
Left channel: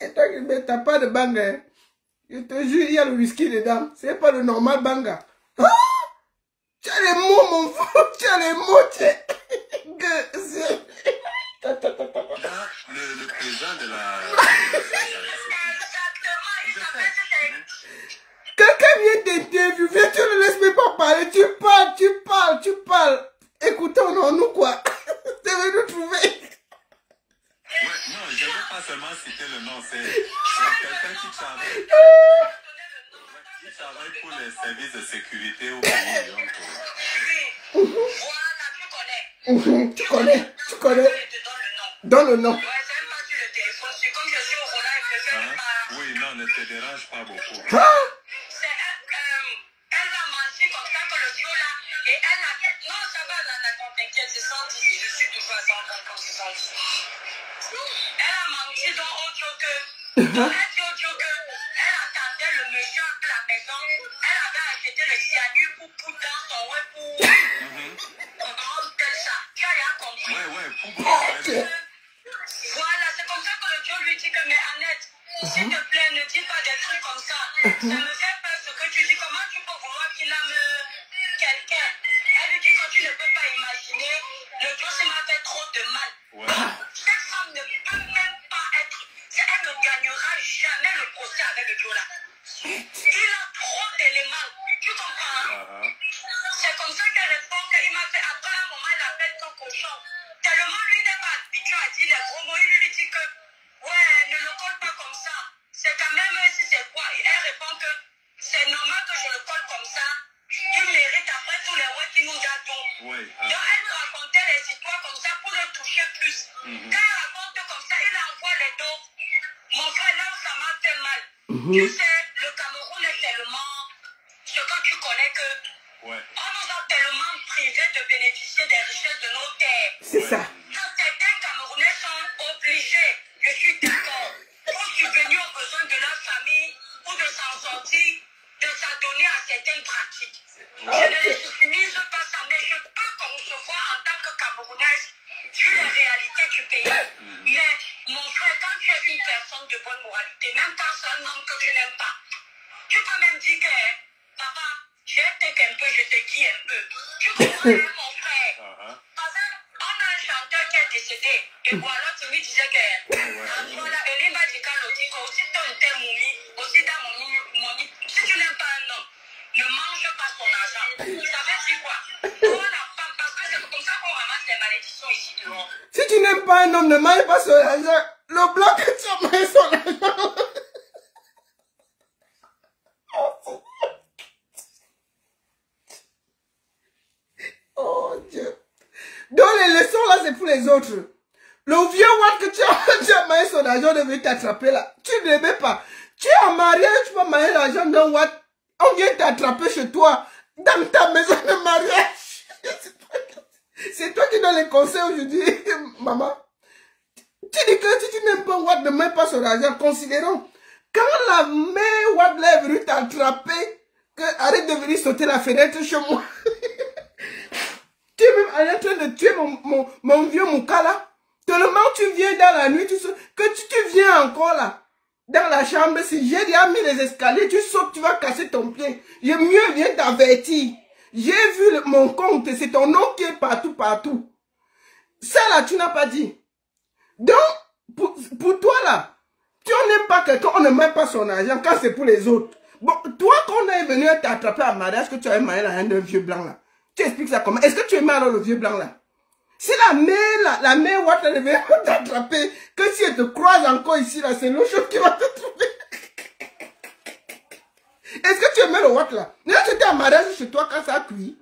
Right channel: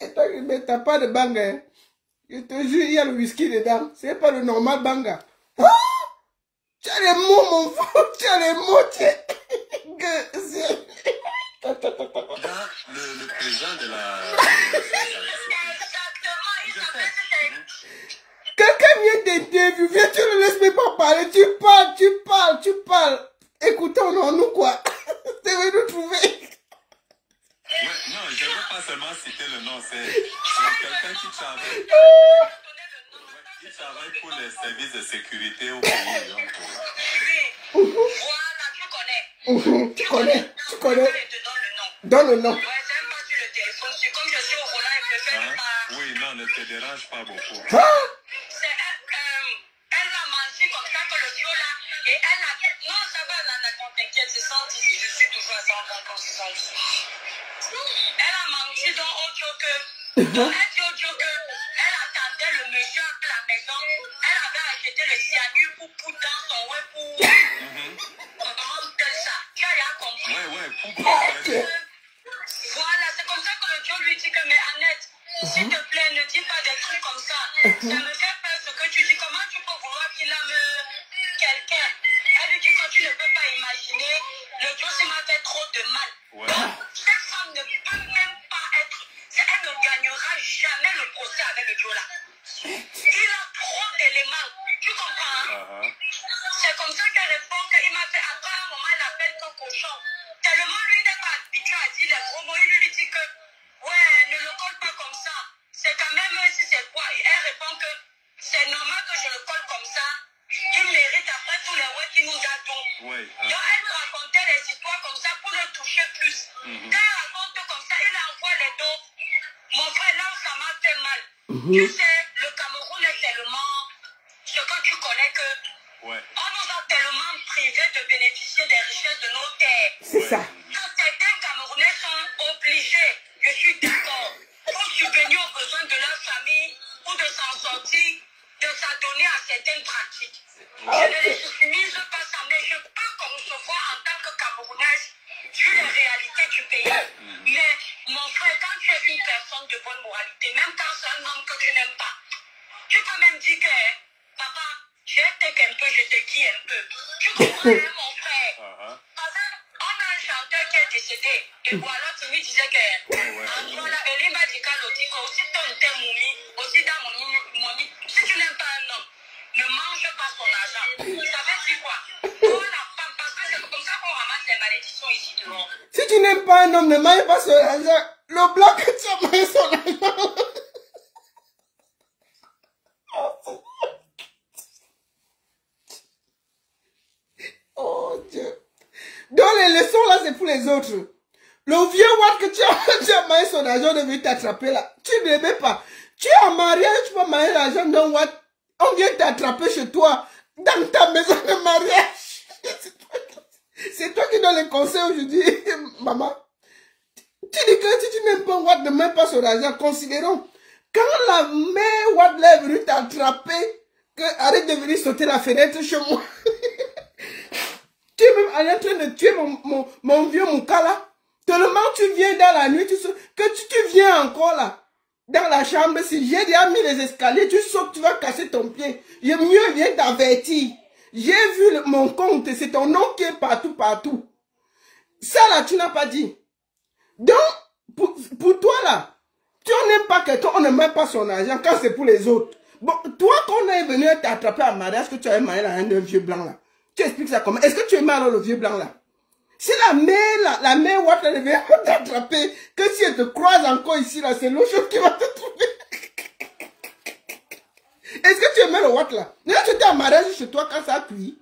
Et toi, criminel, t'as pas de banga. Je te jure, il y a le whisky dedans. C'est pas le normal banga. Ah! Tu as les mots, mon frère. Tu as les mots. Le président de la... Quelqu'un vient t'interviewer. Viens, tu ne laisses même pas parler. Tu parles. Écoutons, on nous quoi. Tu veux nous trouver. Ouais, non, je ne veux pas seulement citer le nom. C'est quelqu'un qui travaille. Qui travaille pour les services de sécurité au pays. Donc, Voilà, tu connais. Tu connais. Donne le nom. Ouais, c'est même pas sur le téléphone. C'est comme je suis au Rwanda, je préfère pas. oui, non, ne te dérange pas beaucoup. Elle a menti comme ça que le Dieu là. Et elle a dit, non, ça va, là, t'inquiète, c'est 110. Je suis toujours à 120 quand c'est 110. Elle a menti dans autre que. Elle a dit au Dieu que elle attendait le monsieur à la maison. Elle avait acheté le cyanure pour dans son web pour prendre tel ça. Tu as rien compris. Ouais, pour Voilà, c'est comme ça que le Dieu lui dit que, mais Annette, s'il te plaît, ne dis pas des trucs comme ça. Ça me fait peur ce que tu dis. Comment tu peux vouloir qu'il aime quelqu'un? Elle lui dit que tu ne peux pas imaginer. Le Dieu, ça m'a fait trop de mal. Cette femme ne peut même pas être. Elle ne gagnera jamais le procès avec le Dieu là. Il a trop d'éléments. Tu comprends? C'est comme ça qu'elle répond qu'il m'a fait. Après un moment, il appelle ton cochon. Tellement lui n'est pas habitué à dire les gros mots, il lui dit que ouais, ne le colle pas comme ça. C'est quand même si c'est quoi. Elle répond que c'est normal que je le colle comme ça. Il mérite après tous les ouais qui nous a tout. Donc elle nous racontait les histoires comme ça pour le toucher plus. Quand elle raconte comme ça, il envoie les dos. Mon frère, là ça m'a fait mal. Tu sais, le Cameroun est tellement ce que tu connais que on nous a tellement privés de bénéficier des richesses de nos terres. C'est ça. Quand certains Camerounais sont obligés, je suis d'accord, pour subvenir aux besoins de leur famille ou de s'en sortir, de s'adonner à certaines pratiques. Je ne les soumise pas ça, mais je peux concevoir en tant que Camerounaise, vu les réalités du pays. Mais mon frère, quand tu es une personne de bonne moralité, même quand c'est un homme que tu n'aimes pas, tu peux même dire que, papa, je t'aime un peu, je te dis un peu. Tu comprends, mon frère? On a un chanteur qui est décédé. Et voilà, tu lui disais que. Voilà, elle m'a dit qu'à l'autre, aussi ton thème, aussi dans mon lit. Si tu n'aimes pas un homme, ne mange pas son argent. Ça veut dire quoi? Oh la femme, parce que c'est comme ça qu'on ramasse les malédictions ici dehors. Si tu n'aimes pas un homme, ne mange pas son argent. Le blanc que tu as mangé son argent. Oh Dieu. Donc les leçons là, c'est pour les autres. Le vieux Watt que tu as mangé son argent devait t'attraper là. Tu ne l'aimais pas. Tu es en mariage, tu peux manger l'argent d'un Watt. On vient t'attraper chez toi, dans ta maison de mariage. C'est toi qui donnes les conseils aujourd'hui, maman. Tu dis que si tu n'aimes pas Watt, ne mets pas son argent. Considérons, quand la mère Watt est venue t'attraper, arrête de venir sauter la fenêtre chez moi. Tu es même en train de tuer mon vieux Moukala. Tellement tu viens dans la nuit, tu viens encore là, dans la chambre. Si j'ai déjà mis les escaliers, tu sautes, tu vas casser ton pied. J'ai mieux viens t'avertir. J'ai vu mon compte, c'est ton nom qui est partout, partout. Ça là, tu n'as pas dit. Donc, pour toi là, tu n'aimes pas quelqu'un, on ne met pas son argent quand c'est pour les autres. Bon, toi, quand on est venu t'attraper à mariage, que tu avais marié un vieux blanc là, tu expliques ça comment? Est-ce que tu aimais alors le vieux blanc là? Si la mère Watt elle vient t'attraper, que si elle te croise encore ici là, c'est l'autre chose qui va te trouver. Est-ce que tu aimais le Watt là? Là, tu étais en mariage chez toi quand ça a cuit.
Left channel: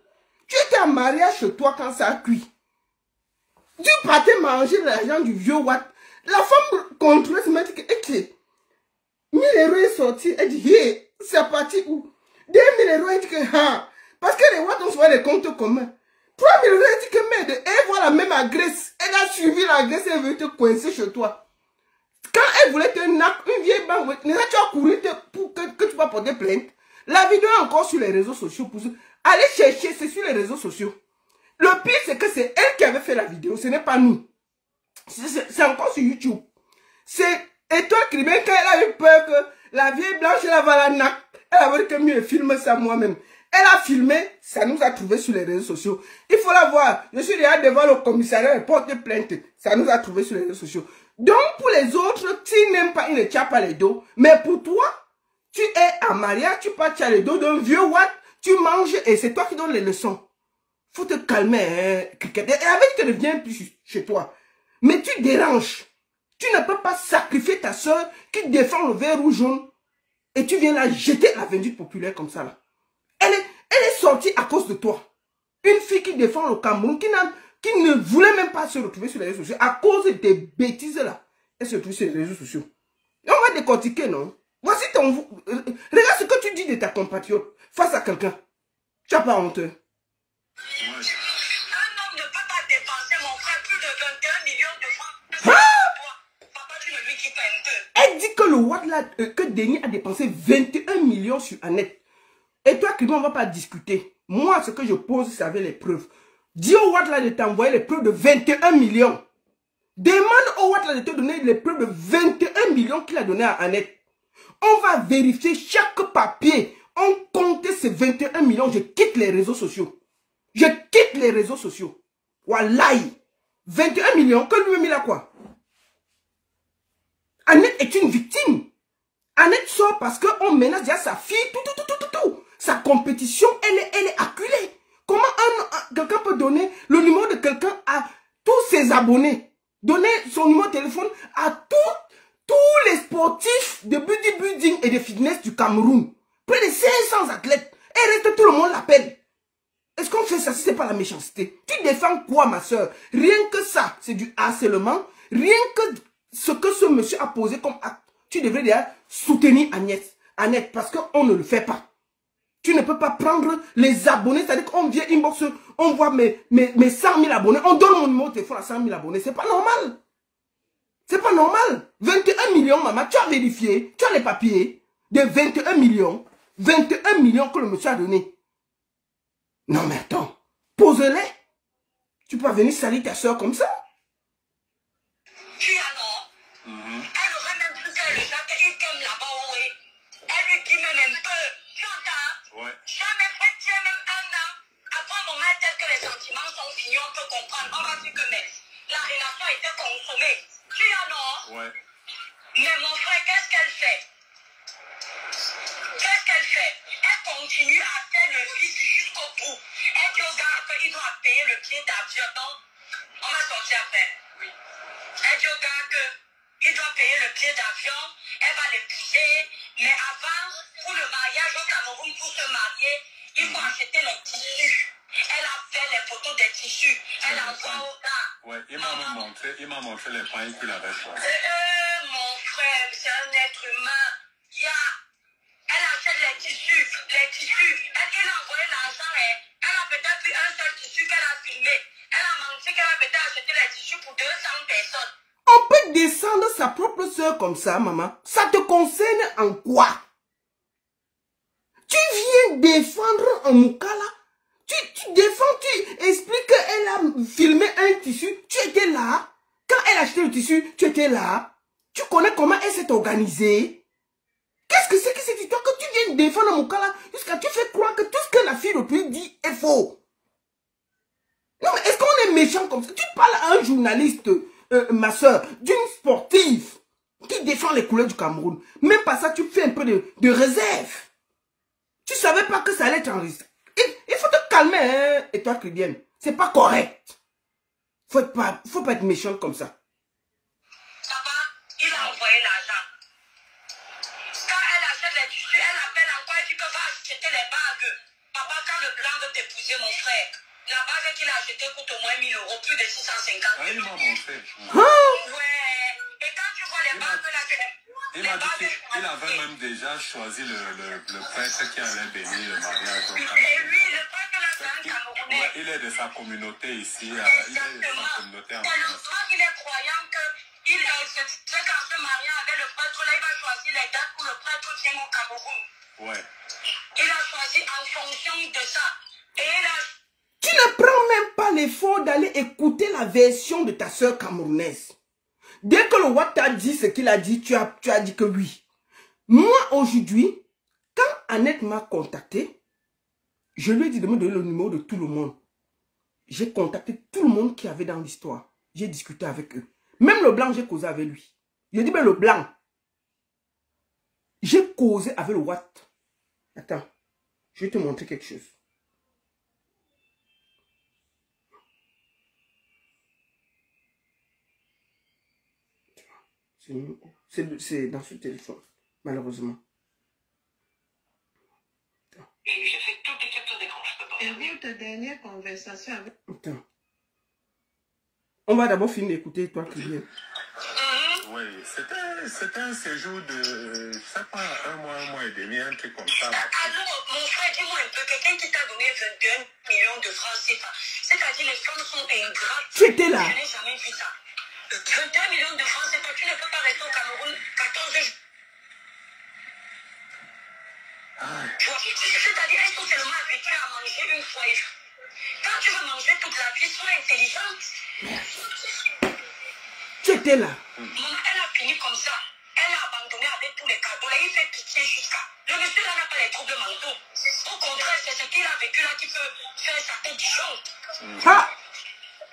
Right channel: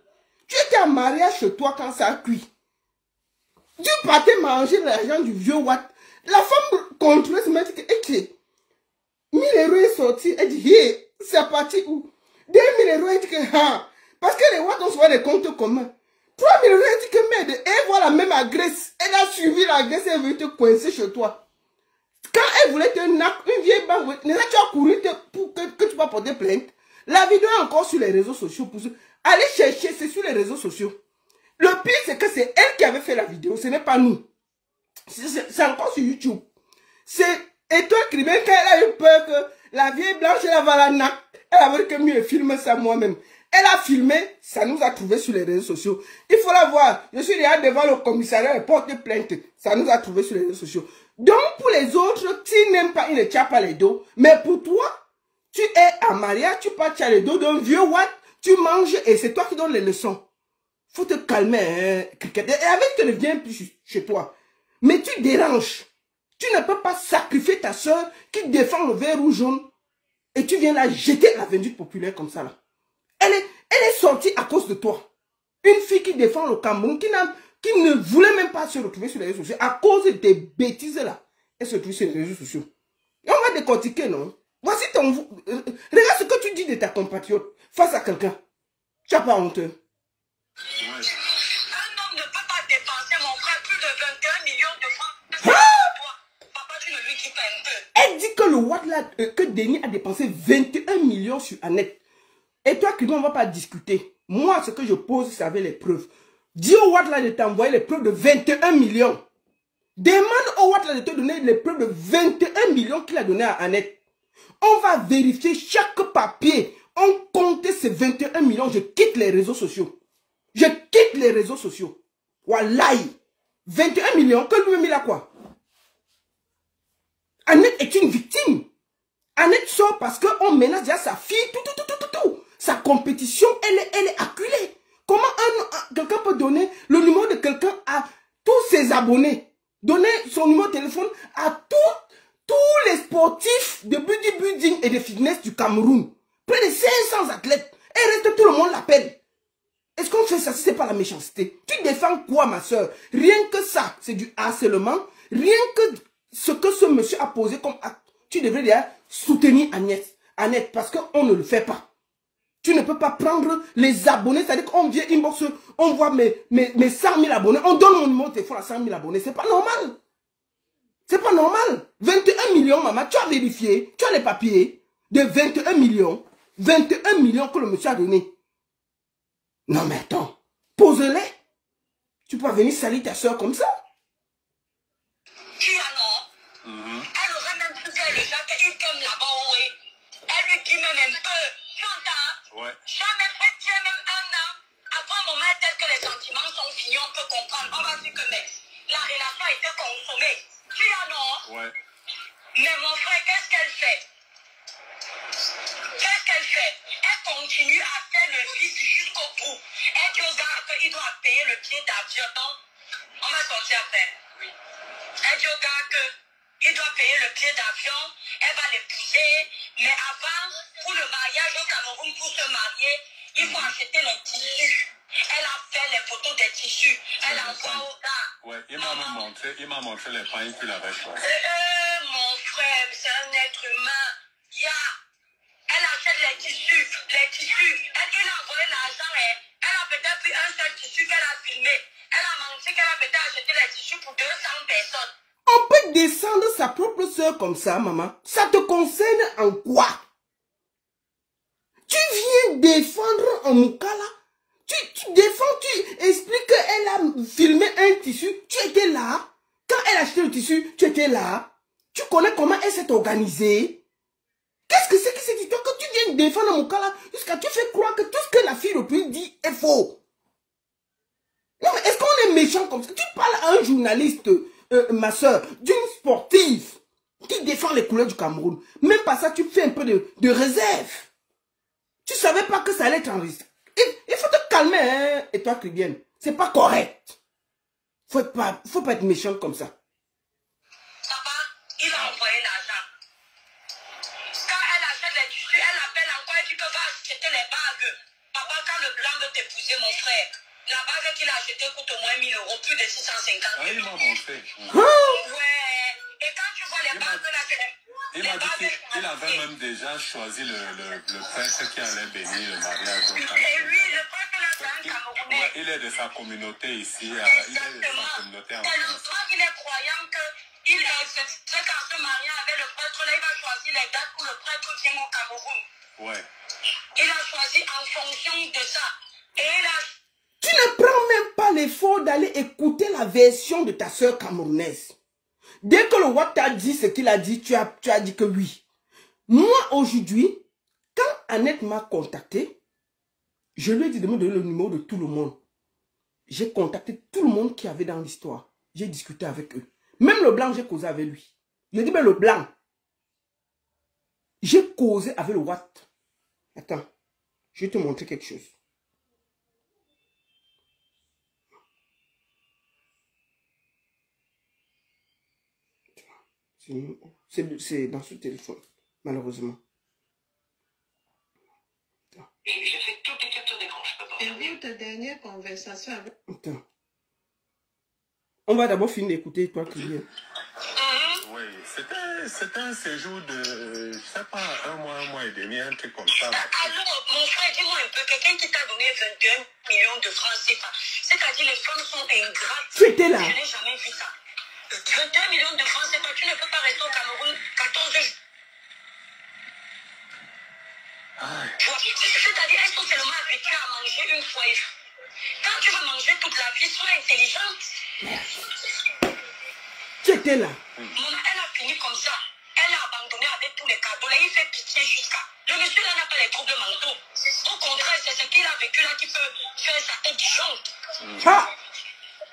Tu étais en mariage chez toi quand ça a cuit. Tu partais manger l'argent du vieux Watt. La femme contrôlait ce mec qui 1000 € est sorti. Elle dit, hey, c'est parti où? 2000 €, elle dit que, ah, parce que les Watt ont souvent des comptes communs. 3000 €, elle dit que, merde, elle voit la même agresse. Elle a suivi l'agresse, elle veut te coincer chez toi. Quand elle voulait te nac, une vieille banque, tu as couru pour que tu vas porter plainte. La vidéo est encore sur les réseaux sociaux. Allez chercher, c'est sur les réseaux sociaux. Le pire, c'est que c'est elle qui avait fait la vidéo, ce n'est pas nous. C'est encore sur YouTube. C'est Étoile Criminelle, quand elle a eu peur que la vieille blanche, elle va la nac. Elle a dit que mieux filmer ça moi-même. Elle a filmé, ça nous a trouvé sur les réseaux sociaux. Il faut la voir. Je suis déjà devant le commissariat et porte plainte. Ça nous a trouvé sur les réseaux sociaux. Donc, pour les autres, tu n'aimes pas, il ne tient pas les dos. Mais pour toi, tu es en mariage, tu pars, tu as les dos d'un vieux Watt, tu manges et c'est toi qui donnes les leçons. Faut te calmer, hein, cricket. Et avec, tu ne viens plus chez toi. Mais tu déranges. Tu ne peux pas sacrifier ta soeur qui défend le vert ou jaune et tu viens la jeter à la vindicte populaire comme ça là. Elle est sortie à cause de toi. Une fille qui défend le Cameroun, qui ne voulait même pas se retrouver sur les réseaux sociaux, à cause des bêtises là, elle se retrouve sur les réseaux sociaux. Et on va décortiquer, non? Voici ton... Regarde ce que tu dis de ta compatriote face à quelqu'un. Tu n'as pas honte. Un homme ne peut pas dépenser, mon frère, plus de 21 millions de francs. Toi, papa, tu ne lui dis pas un peu. Elle dit que le Watt là, que Denis a dépensé 21 millions sur Annette. Et toi, Clément, on ne va pas discuter. Moi, ce que je pose, c'est avec les preuves. Dis au Watt là de t'envoyer les preuves de 21 millions. Demande au Watt là de te donner les preuves de 21 millions qu'il a donné à Annette. On va vérifier chaque papier. On compte ces 21 millions. Je quitte les réseaux sociaux. Je quitte les réseaux sociaux. Wallahi. 21 millions, que lui-même il a quoi? Annette est une victime. Annette sort parce qu'on menace déjà sa fille, tout. Sa compétition, elle est acculée. Comment quelqu'un peut donner le numéro de quelqu'un à tous ses abonnés? Donner son numéro de téléphone à tous les sportifs de bodybuilding et de fitness du Cameroun. Près de 500 athlètes. Et reste, tout le monde l'appelle. Est-ce qu'on fait ça si ce n'est pas la méchanceté? Tu défends quoi, ma soeur? Rien que ça, c'est du harcèlement. Rien que ce que ce monsieur a posé comme acte. Tu devrais déjà soutenir Annette parce qu'on ne le fait pas. Tu ne peux pas prendre les abonnés, c'est-à-dire qu'on vient inbox, on voit mes 100 000 abonnés, on donne mon numéro de téléphone à 100 000 abonnés. C'est pas normal. C'est pas normal. 21 millions, maman, tu as vérifié, tu as les papiers de 21 millions. 21 millions que le monsieur a donné. Non mais attends, pose-les. Tu peux venir salir ta soeur comme ça. Qui alors? Elle aurait même pu faire les actes qu'il t'aime là-bas, oui. Elle lui dit même un peu. Tu entends? Ouais. Jamais fait, tu es même un an. Après un moment tel que les sentiments sont finis, on peut comprendre. On va dire que mais la relation continue à faire le vice jusqu'au bout. Elle dit aux gars qu'il doit payer le billet d'avion. Donc, on va sortir après. Oui. Elle dit aux gars qu'il doit payer le billet d'avion. Elle va l'épouser. Mais avant, pour le mariage au Cameroun, pour se marier, il faut acheter les tissus. Elle a fait les photos des tissus. Elle a envoyé aux gars. Ouais, il m'a montré les pailles qu'il avait choisi. Mon frère, c'est un être humain. Elle achète les tissus. Elle lui a envoyé l'argent. Elle a peut-être pris un seul tissu qu'elle a filmé. Elle a menti qu'elle a peut-être acheté les tissus pour 200 personnes. On peut descendre sa propre soeur comme ça, maman. Ça te concerne en quoi? Tu viens défendre un Moukala. Tu défends, tu expliques qu'elle a filmé un tissu. Tu étais là. Quand elle a acheté le tissu, tu étais là. Tu connais comment elle s'est organisée. Qu'est-ce que c'est que cette histoire que tu viens défendre un Moukala jusqu'à tu fais croire que tout ce que la fille le plus dit est faux? Non, mais est-ce qu'on est méchant comme ça? Tu parles à un journaliste, ma soeur, d'une sportive qui défend les couleurs du Cameroun. Même pas ça, tu fais un peu de réserve. Tu savais pas que ça allait être en risque. Il faut te calmer, hein, et toi, Christiane. C'est pas correct. Faut pas être méchant comme ça. Papa, il a envoyé l'argent. Quand elle achète les tissus, elle appelle encore et dit que va acheter les bagues. Papa, quand le blanc veut t'épouser, mon frère, la bague qu'il a achetée coûte au moins 1000 €, plus de 650 €. Ah, il m'a montré. Ouais. Et quand tu vois les bagues là, il m'a dit qu'il avait même déjà choisi le prêtre qui allait bénir le mariage au Cameroun. Et lui, le prêtre là, c'est un Camerounais. Il est de sa communauté ici. Il est de sa communauté en France. Tellement qu'il est croyant qu'il qu'en se mariant avec le prêtre là, il va choisir les dates pour le prêtre vienne au Cameroun. Ouais. Il a choisi en fonction de ça. Et il a... Tu ne prends même pas l'effort d'aller écouter la version de ta soeur camerounaise. Dès que le WAP t'a dit ce qu'il a dit, tu as dit que oui. Moi, aujourd'hui, quand Annette m'a contacté, je lui ai dit de me donner le numéro de tout le monde. J'ai contacté tout le monde qui avait dans l'histoire. J'ai discuté avec eux. Même le blanc, j'ai causé avec lui. J'ai dit, mais le blanc, j'ai causé avec le WAP. Attends, je vais te montrer quelque chose. C'est dans ce téléphone, malheureusement. Attends. Et je fais toutes les captures d'écran, je peux pas Et regarder. votre dernière conversation avec... Attends. On va d'abord finir d'écouter toi, Kylian. Oui, c'était un séjour de, je sais pas, un mois et demi, un truc comme ça. Alors, mon frère, dis-moi un peu, quelqu'un qui t'a donné 21 millions de francs CFA, c'est-à-dire les femmes sont ingrates. Tu étais là. Je n'ai jamais vu ça. 21 millions de francs CFA, tu ne peux pas rester au Cameroun 14 jours. C'est-à-dire, elles sont tellement habituées à manger une fois. Quand tu veux manger toute la vie, sois intelligente. Merci. Tu étais là. Maman, elle a fini comme ça. Elle a abandonné avec tous les cadeaux. Là, il fait pitié jusqu'à... Le monsieur là n'a pas les troubles mentaux. Au contraire, c'est ce qu'il a vécu là qui peut faire sa tête du champ. Ah.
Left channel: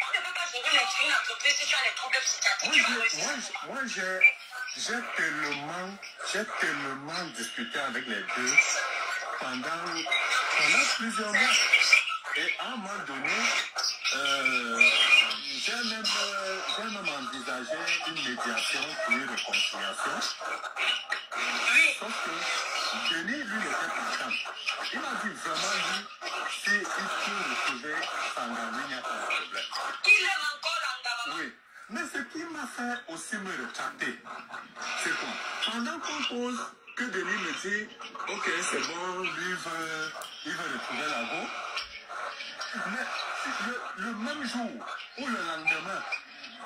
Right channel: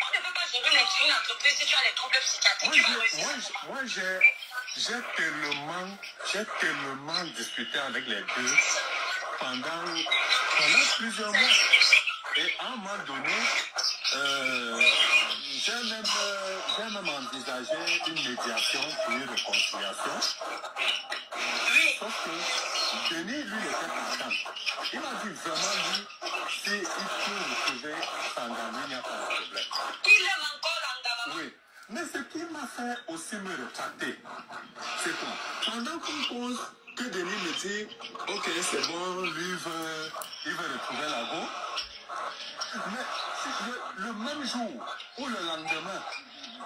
On ne peut pas gérer une entreprise si tu as les troubles psychiatriques. Moi, j'ai tellement discuté avec les deux pendant plusieurs mois. Et à un moment donné, j'ai même envisagé une médiation pour une réconciliation. Sauf que Denis, lui, était content. Il m'a dit vraiment, lui, s'il peut retrouver Sangani, il n'y a pas de problème. Il aime encore Angama. Oui. Mais ce qui m'a fait aussi me retarder, c'est quoi? Pendant qu'on pose, que Denis me dit, ok, c'est bon, lui, il veut retrouver la go. Mais le même jour ou le lendemain,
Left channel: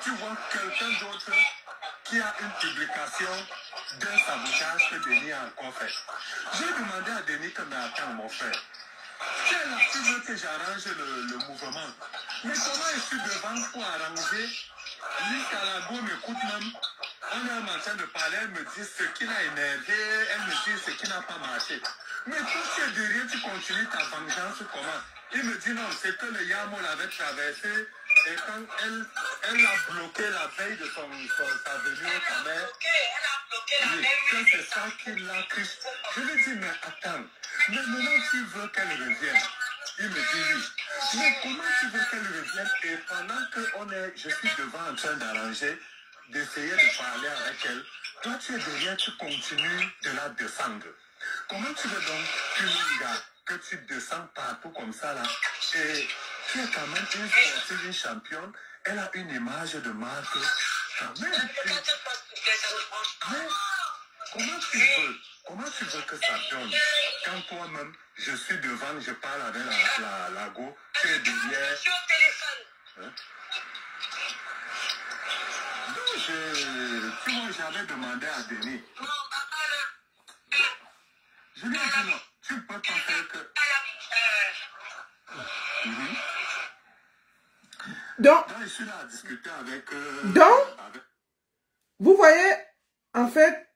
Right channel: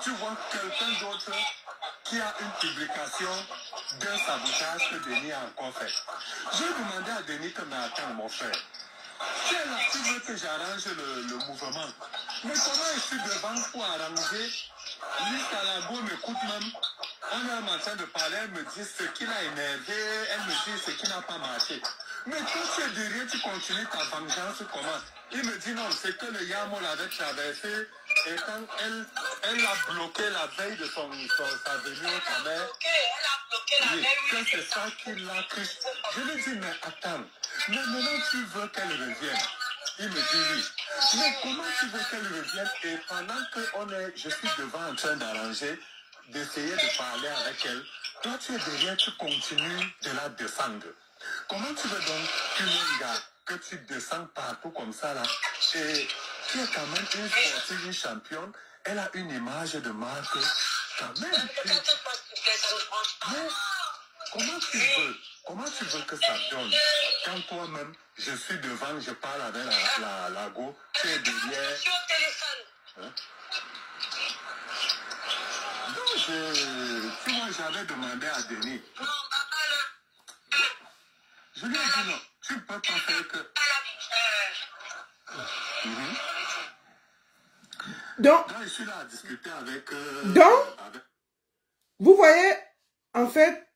tu vois quelqu'un d'autre qui a une publication d'un sabotage que Denis a encore fait. J'ai demandé à Denis que mais attends, mon frère, c'est là tu veux que j'arrange le mouvement. Mais comment je suis devant pour arranger? Jusqu'à la go m'écoute même. On est en train de parler, elle me dit ce qui l'a énervé, elle me dit ce qui n'a pas marché. Mais toi, tu es derrière, tu continues ta vengeance comment? Il me dit non, c'est que le Yamo l'avait traversé et quand elle l'a bloqué la veille de sa venue au mère. Elle a bloqué la Oui, veille. que c'est ça qui l'a cru. Je lui dis, mais attends, Mais maintenant, tu veux qu'elle revienne. Il me dit oui. Mais comment tu veux qu'elle revienne? Et pendant que je suis devant en train d'arranger, d'essayer de parler avec elle, toi tu es derrière, tu continues de la descendre. Comment tu veux donc qu'une gars que tu descends partout comme ça là, et tu es quand même une sportive, une championne, elle a une image de marque quand même. Mais comment tu veux que ça donne quand toi-même, je suis devant, je parle avec la go, tu es derrière. Hein? Non, tu vois, j'avais demandé à Denis. Je lui ai dit non, tu ne peux pas faire que... Donc, je suis là à discuter avec... vous voyez, en fait,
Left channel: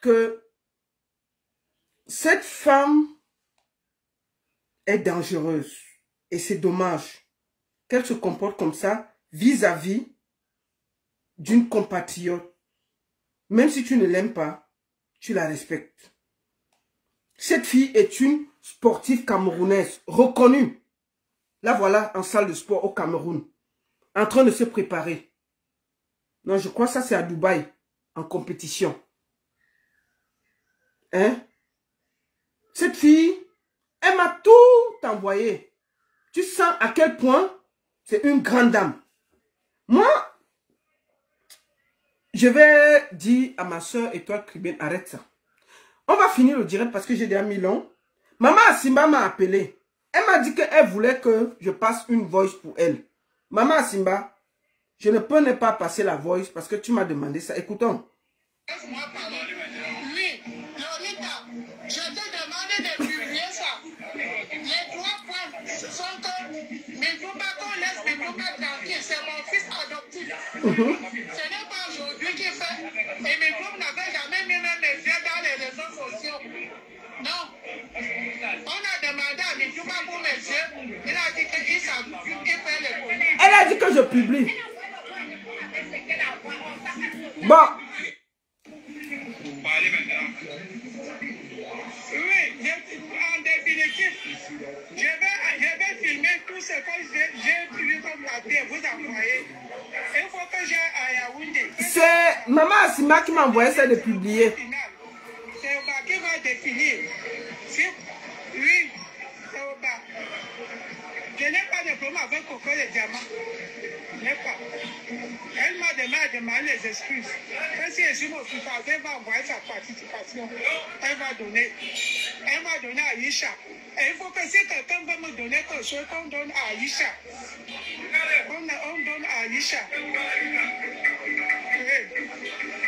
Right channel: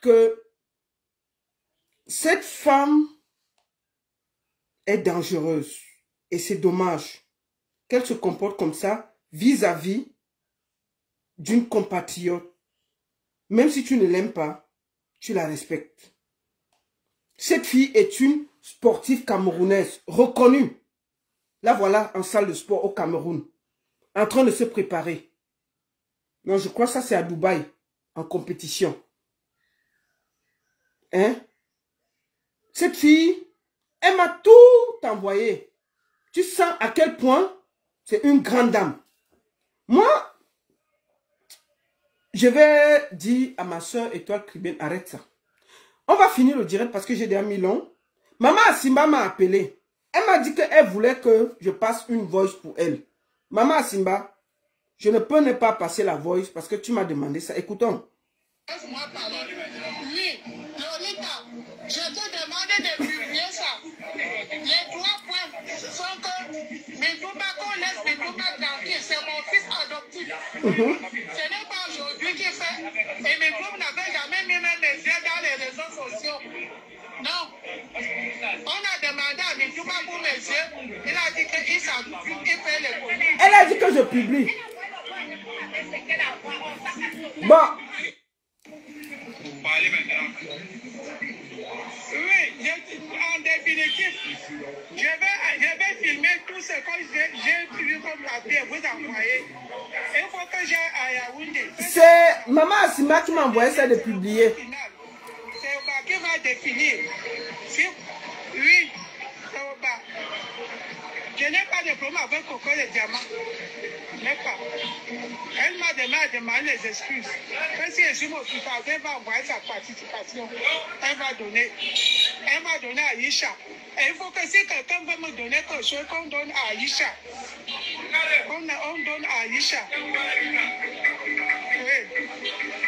que cette femme est dangereuse. Et c'est dommage qu'elle se comporte comme ça vis-à-vis d'une compatriote. Même si tu ne l'aimes pas, tu la respectes. Cette fille est une sportive camerounaise reconnue. Là, voilà, en salle de sport au Cameroun, en train de se préparer. Non, je crois que ça, c'est à Dubaï, en compétition. Hein? Cette fille, elle m'a tout envoyé. Tu sens à quel point c'est une grande dame. Moi, je vais dire à ma soeur Étoile Tribune, arrête ça. On va finir le direct parce que j'ai déjà mis long. Maman Asimba m'a appelé. Elle m'a dit qu'elle voulait que je passe une voice pour elle. Maman Asimba, je ne peux ne pas passer la voice parce que tu m'as demandé ça. Écoutons. Oui, Lolita, je t'ai demandé de publier ça. Les 3 points sont que mes Toubacos laissent mes Toubacos tranquilles. C'est mon fils adoptif. Ce n'est pas aujourd'hui qu'il fait. Et mes Toubacos n'avaient jamais mis mes yeux dans les réseaux sociaux. Non. On a demandé à mes Toubacos pour mes yeux. Il a dit qu'il s'adopte, qu'il fait les connus. Elle a dit que je publie. Bon. Parlez maintenant. Oui, en définitive, je vais filmer tout ce que j'ai vu comme la vie vous envoyer. Il faut que j'aille à Yaoundé. C'est Maman Asima qui m'a envoyé ça de publier. C'est Oba qui va définir. Oui, c'est Oba. Je n'ai pas de problème avec Coco le diamant. Je n'ai pas. Elle m'a demandé les excuses. Même si je suis hospitalisée, elle va envoyer sa participation. Elle va donner. Elle m'a donné à Aïcha. Et il faut que si quelqu'un veut me donner quelque chose, qu'on donne à Aïcha. On donne à Aïcha. Oui.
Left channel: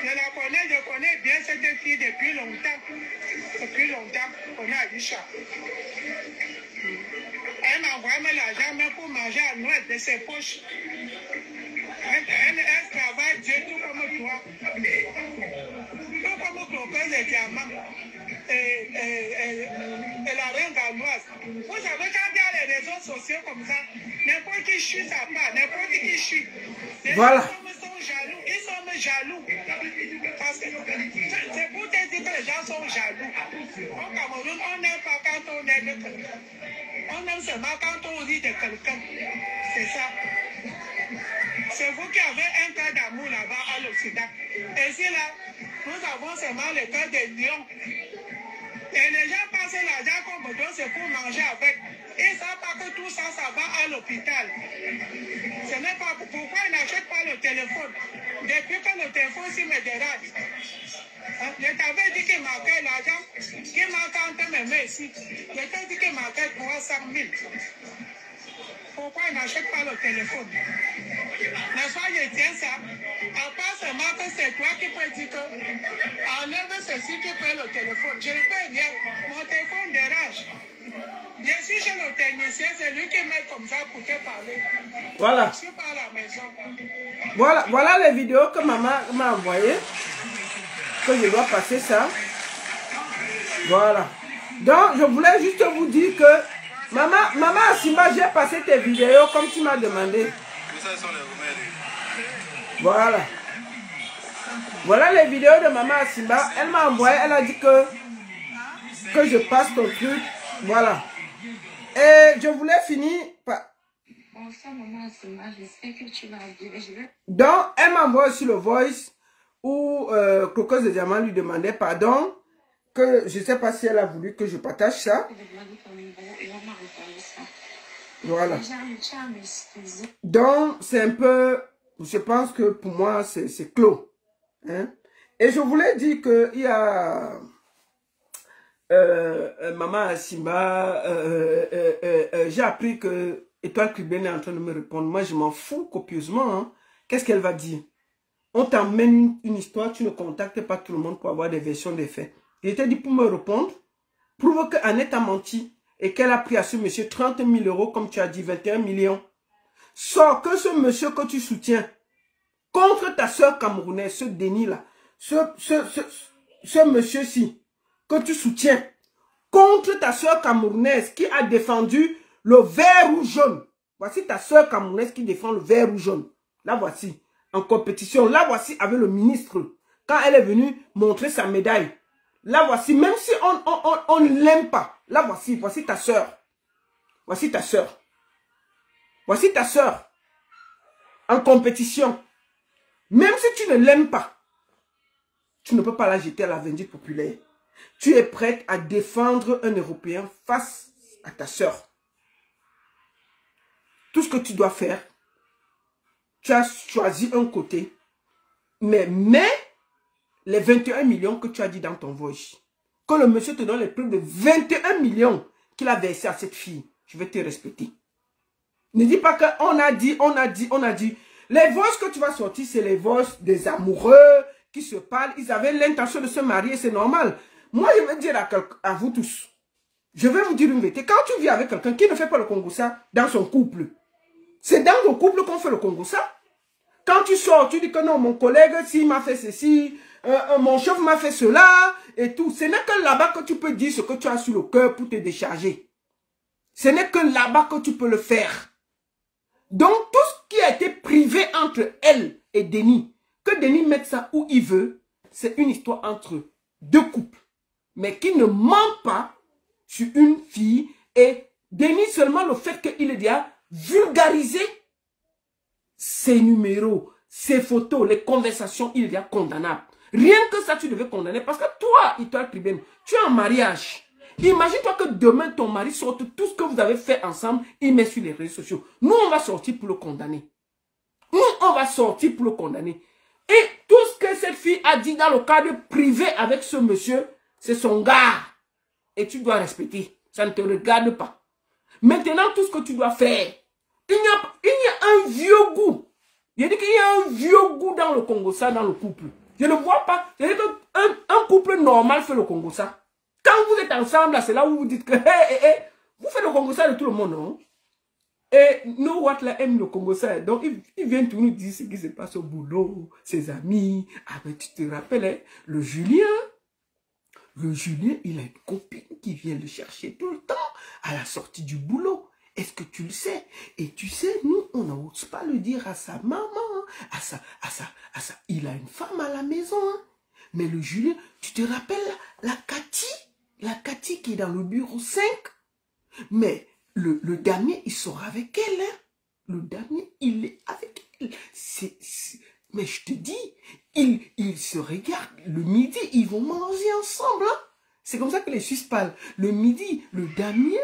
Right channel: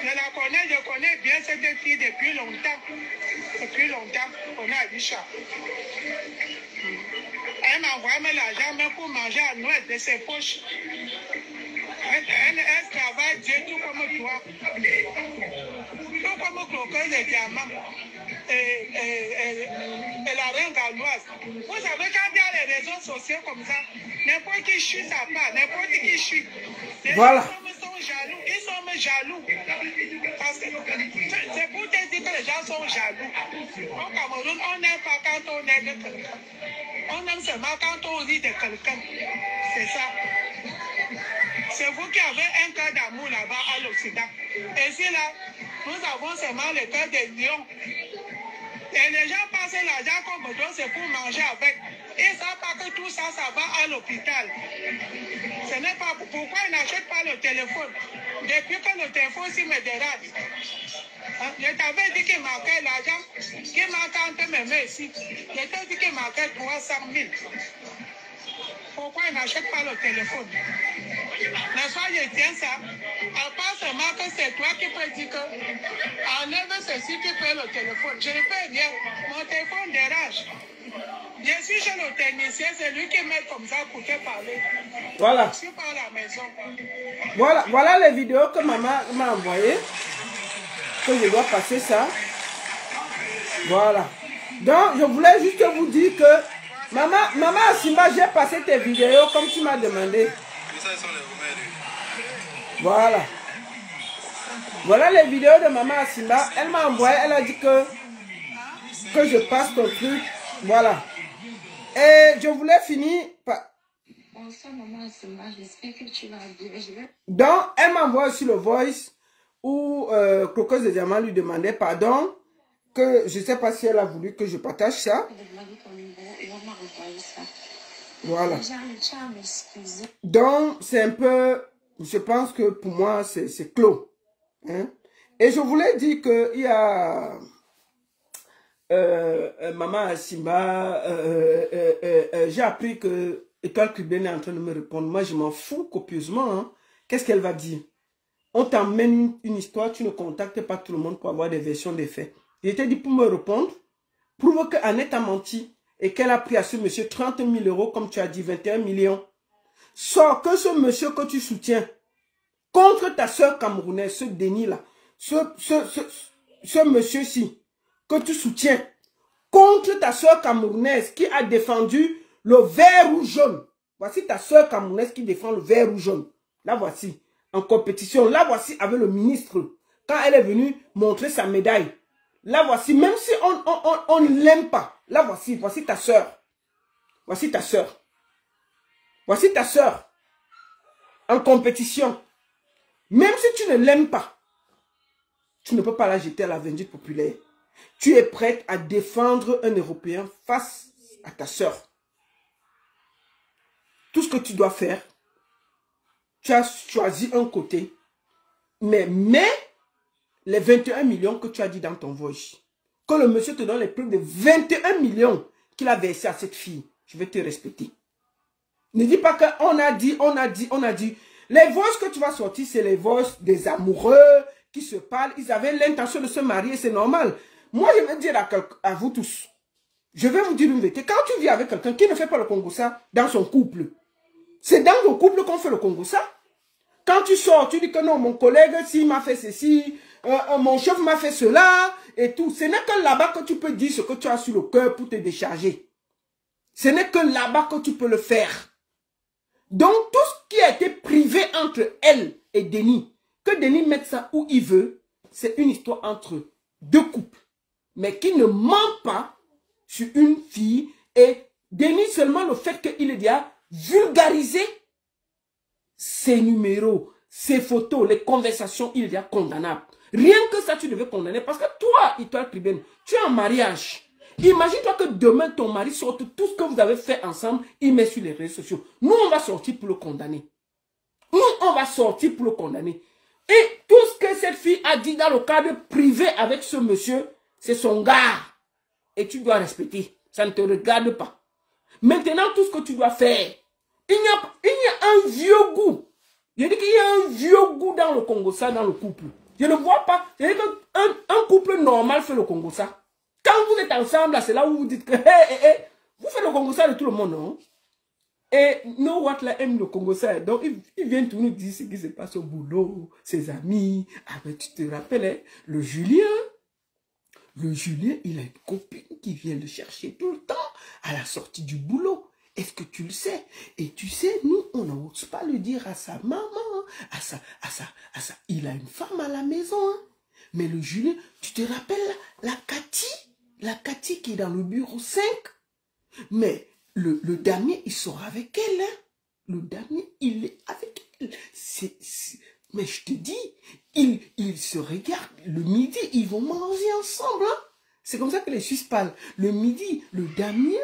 Je connais bien cette fille depuis longtemps. Depuis longtemps, on a Aïcha. Elle m'a envoyé l'argent même pour manger à Noël de ses poches. Elle travaille Dieu tout comme toi. Tout comme croqueuse de diamant. Et la reine galloise. Vous savez, quand il y a les réseaux sociaux comme ça, n'importe qui chute sa part, n'importe qui chute. Voilà. Ils sont jaloux. Parce que c'est pour te dire que les gens sont jaloux. Au Cameroun, on n'aime pas quand on aime quelqu'un. On aime seulement quand on rit de quelqu'un. C'est ça. C'est vous qui avez un cœur d'amour là-bas à l'Occident. Et ici, là, nous avons seulement le cœur des lions. Et les gens passent l'argent comme toi, c'est pour manger avec. Ils ne savent pas que tout ça, ça va à l'hôpital. Ce n'est pas pourquoi ils n'achètent pas le téléphone. Depuis que le téléphone aussi me dérange. Hein? Je t'avais dit qu'il manquait l'argent, qu'il manquait entre mes mains ici. Je t'ai dit qu'il manquait 300 000. Pourquoi ils n'achètent pas le téléphone? N'est-ce pas, je tiens ça. À part seulement que c'est toi qui peux dire que enlève ceci qui fait le téléphone. Je ne fais rien. Mon téléphone dérange. Je suis chez le technicien, c'est lui qui met comme ça pour te parler. Voilà. Je suis pas à la maison. Voilà les vidéos que maman m'a envoyées. Que je dois passer ça. Voilà. Donc, je voulais juste vous dire que Maman Asimba, j'ai passé tes vidéos comme tu m'as demandé. Ça, sont les remèdes. Voilà. Voilà les vidéos de Maman Asimba. Elle m'a envoyé, elle a dit que je passe ton truc. Voilà. Et je voulais finir par... Bonsoir Maman Asimba, j'espère que tu vas bien. Donc, elle m'a envoyé sur le voice où Croqueuse de Diamant lui demandait pardon, que je ne sais pas si elle a voulu que je partage ça. Voilà. Donc, c'est un peu, je pense que pour moi, c'est clos. Hein? Et je voulais dire qu'il y a Maman Asimba, j'ai appris que Étoile Cubaine est en train de me répondre. Moi, je m'en fous copieusement. Hein? Qu'est-ce qu'elle va dire? On t'emmène une histoire, tu ne contactes pas tout le monde pour avoir des versions des faits. Je t'ai dit pour me répondre, prouve que Annette a menti et qu'elle a pris à ce monsieur 30 000 €, comme tu as dit, 21 millions. Sors que ce monsieur que tu soutiens contre ta soeur camerounaise, ce Denis-là, ce monsieur-ci que tu soutiens contre ta soeur camerounaise qui a défendu le vert ou jaune. Voici ta soeur camerounaise qui défend le vert ou jaune. Là, voici. En compétition. Là, voici avec le ministre. Quand elle est venue montrer sa médaille. Là, voici. Même si on ne l'aime pas. Là, voici. Voici ta soeur. Voici ta soeur. Voici ta soeur. En compétition. Même si tu ne l'aimes pas. Tu ne peux pas la jeter à la vindicte populaire. Tu es prête à défendre un Européen face à ta soeur. Tout ce que tu dois faire, tu as choisi un côté, mais les 21 millions que tu as dit dans ton voice, que le monsieur te donne les preuves de 21 millions qu'il a versé à cette fille, je vais te respecter. Ne dis pas qu'on a dit, on a dit, on a dit. Les voices que tu vas sortir, c'est les voices des amoureux qui se parlent. Ils avaient l'intention de se marier, c'est normal. Moi, je vais dire à vous tous, je vais vous dire une vérité. Quand tu vis avec quelqu'un qui ne fait pas le Congossa dans son couple, c'est dans le couple qu'on fait le Congossa. Quand tu sors, tu dis que non, mon collègue, s'il m'a fait ceci, mon chef m'a fait cela, et tout. Ce n'est que là-bas que tu peux dire ce que tu as sur le cœur pour te décharger. Ce n'est que là-bas que tu peux le faire. Donc, tout ce qui a été privé entre elle et Denis, que Denis mette ça où il veut, c'est une histoire entre deux couples. Mais qui ne ment pas sur une fille. Et Denis, seulement le fait qu'il ait déjà vulgarisé ses numéros, ses photos, les conversations, il est déjà condamnable. Rien que ça, tu devais condamner. Parce que toi, Étoile Cubaine, tu es en mariage. Imagine-toi que demain, ton mari sorte tout ce que vous avez fait ensemble, il met sur les réseaux sociaux. Nous, on va sortir pour le condamner. Nous, on va sortir pour le condamner. Et tout ce que cette fille a dit dans le cadre privé avec ce monsieur, c'est son gars. Et tu dois respecter. Ça ne te regarde pas. Maintenant, tout ce que tu dois faire, il y a un vieux goût. Je dis qu'il y a un vieux goût dans le Congossa, dans le couple. Je ne vois pas. C'est qu'un couple normal fait le Congossa. Quand vous êtes ensemble, c'est là où vous dites que vous faites le Congossa de tout le monde, non? Et No What là aime le Congossa. Donc, il vient tout nous dire ce qui se passe au boulot, ses amis. Ah ben, tu te rappelles, hein, le Julien, il a une copine qui vient le chercher tout le temps à la sortie du boulot. Est-ce que tu le sais? Et tu sais, nous, on n'ose pas le dire à sa maman, à sa. Il a une femme à la maison, hein. Mais le Julien, tu te rappelles la Cathy qui est dans le bureau 5? Mais le dernier, il sort avec elle, hein. Le dernier, il est avec elle. Mais je te dis, ils se regardent. Le midi, ils vont manger ensemble, hein. C'est comme ça que les Suisses parlent. Le midi, le Damien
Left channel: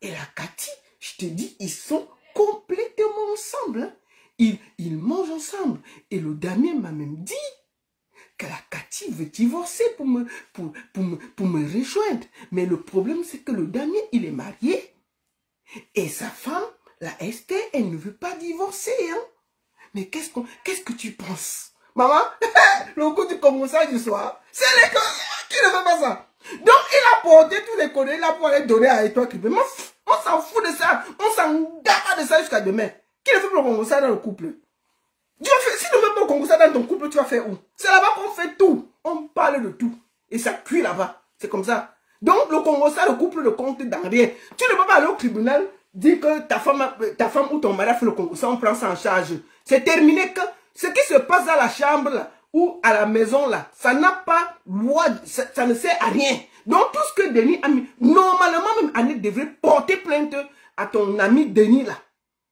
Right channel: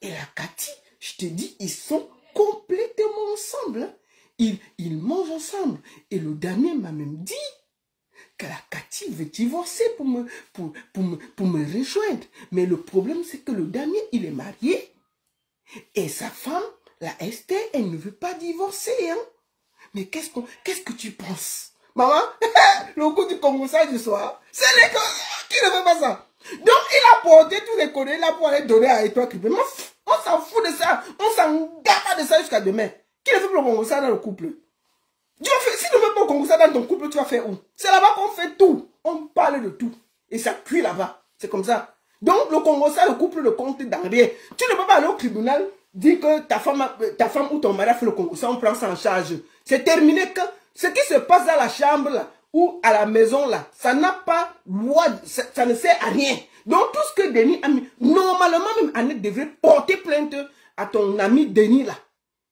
et la Cathy, je te dis, ils sont complètement ensemble, hein. Ils mangent ensemble. Et le Damien m'a même dit que la Cathy veut divorcer pour me rejoindre. Mais le problème, c'est que le Damien, il est marié. Et sa femme, la Esther, elle ne veut pas divorcer, hein. Mais qu'est-ce que tu penses? Maman, le coup du Congossa du soir, c'est les gars, tu ne veux pas ça. Donc, il a porté tous les connaissances, il a pour aller donner à Étoile Cubaine. On s'en fout de ça, on s'en garde de ça jusqu'à demain. Qui ne fait pas le Congossa dans le couple? Si tu ne veux pas le Congossa dans ton couple, tu vas faire où? C'est là-bas qu'on fait tout. On parle de tout. Et ça cuit là-bas. C'est comme ça. Donc, le Congossa, le couple ne compte dans rien. Tu ne peux pas aller au tribunal, dire que ta femme ou ton mari a fait le Congossa, on prend ça en charge. C'est terminé que Ce qui se passe dans la chambre là, ou à la maison là, ça n'a pas loi, ça ne sert à rien. Donc tout ce que Denis a mis, normalement même Annette devrait porter plainte à ton ami Denis là,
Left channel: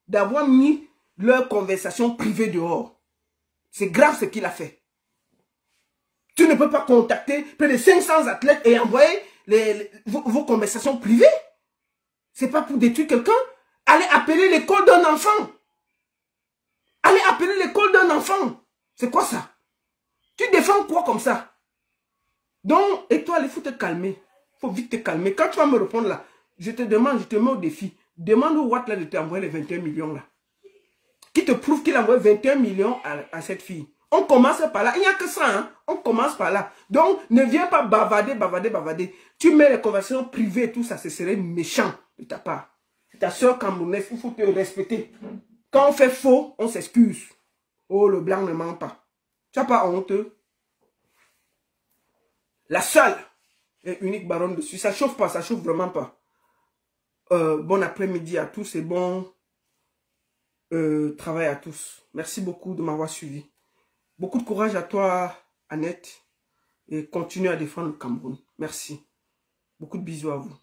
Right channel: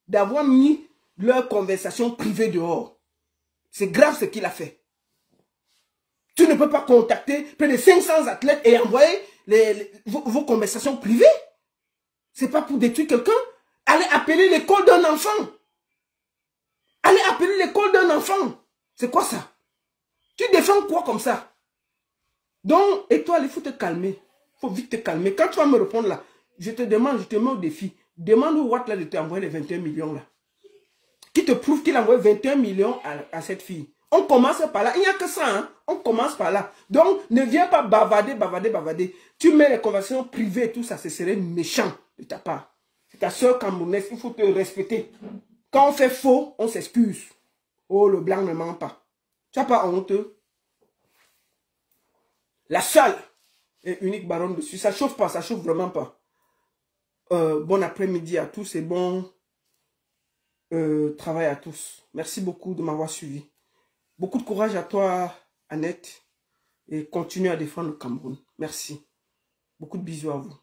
d'avoir mis leur conversation privée dehors. C'est grave ce qu'il a fait. Tu ne peux pas contacter près de 500 athlètes et envoyer vos conversations privées. C'est pas pour détruire quelqu'un. Allez appeler l'école d'un enfant. Allez appeler l'école d'un enfant. C'est quoi ça? Tu défends quoi comme ça? Donc, étoile, il faut te calmer. Il faut vite te calmer. Quand tu vas me répondre là, je te demande, je te mets au défi. Demande au Watt là de t'envoyer les 21 millions là. Qui te prouve qu'il a envoyé 21 millions à cette fille. On commence par là. Il n'y a que ça. Hein? On commence par là. Donc, ne viens pas bavarder. Tu mets les conversations privées et tout ça, ce serait méchant de ta part. C'est ta soeur camerounaise, il faut te respecter. Quand on fait faux, on s'excuse. Oh, le blanc ne ment pas. Tu n'as pas honte. La seule et unique baronne dessus. Ça chauffe pas, ça chauffe vraiment pas. Bon après-midi à tous et bon travail à tous. Merci beaucoup de m'avoir suivi. Beaucoup de courage à toi, Annette. Et continue à défendre le Cameroun. Merci. Beaucoup de bisous à vous.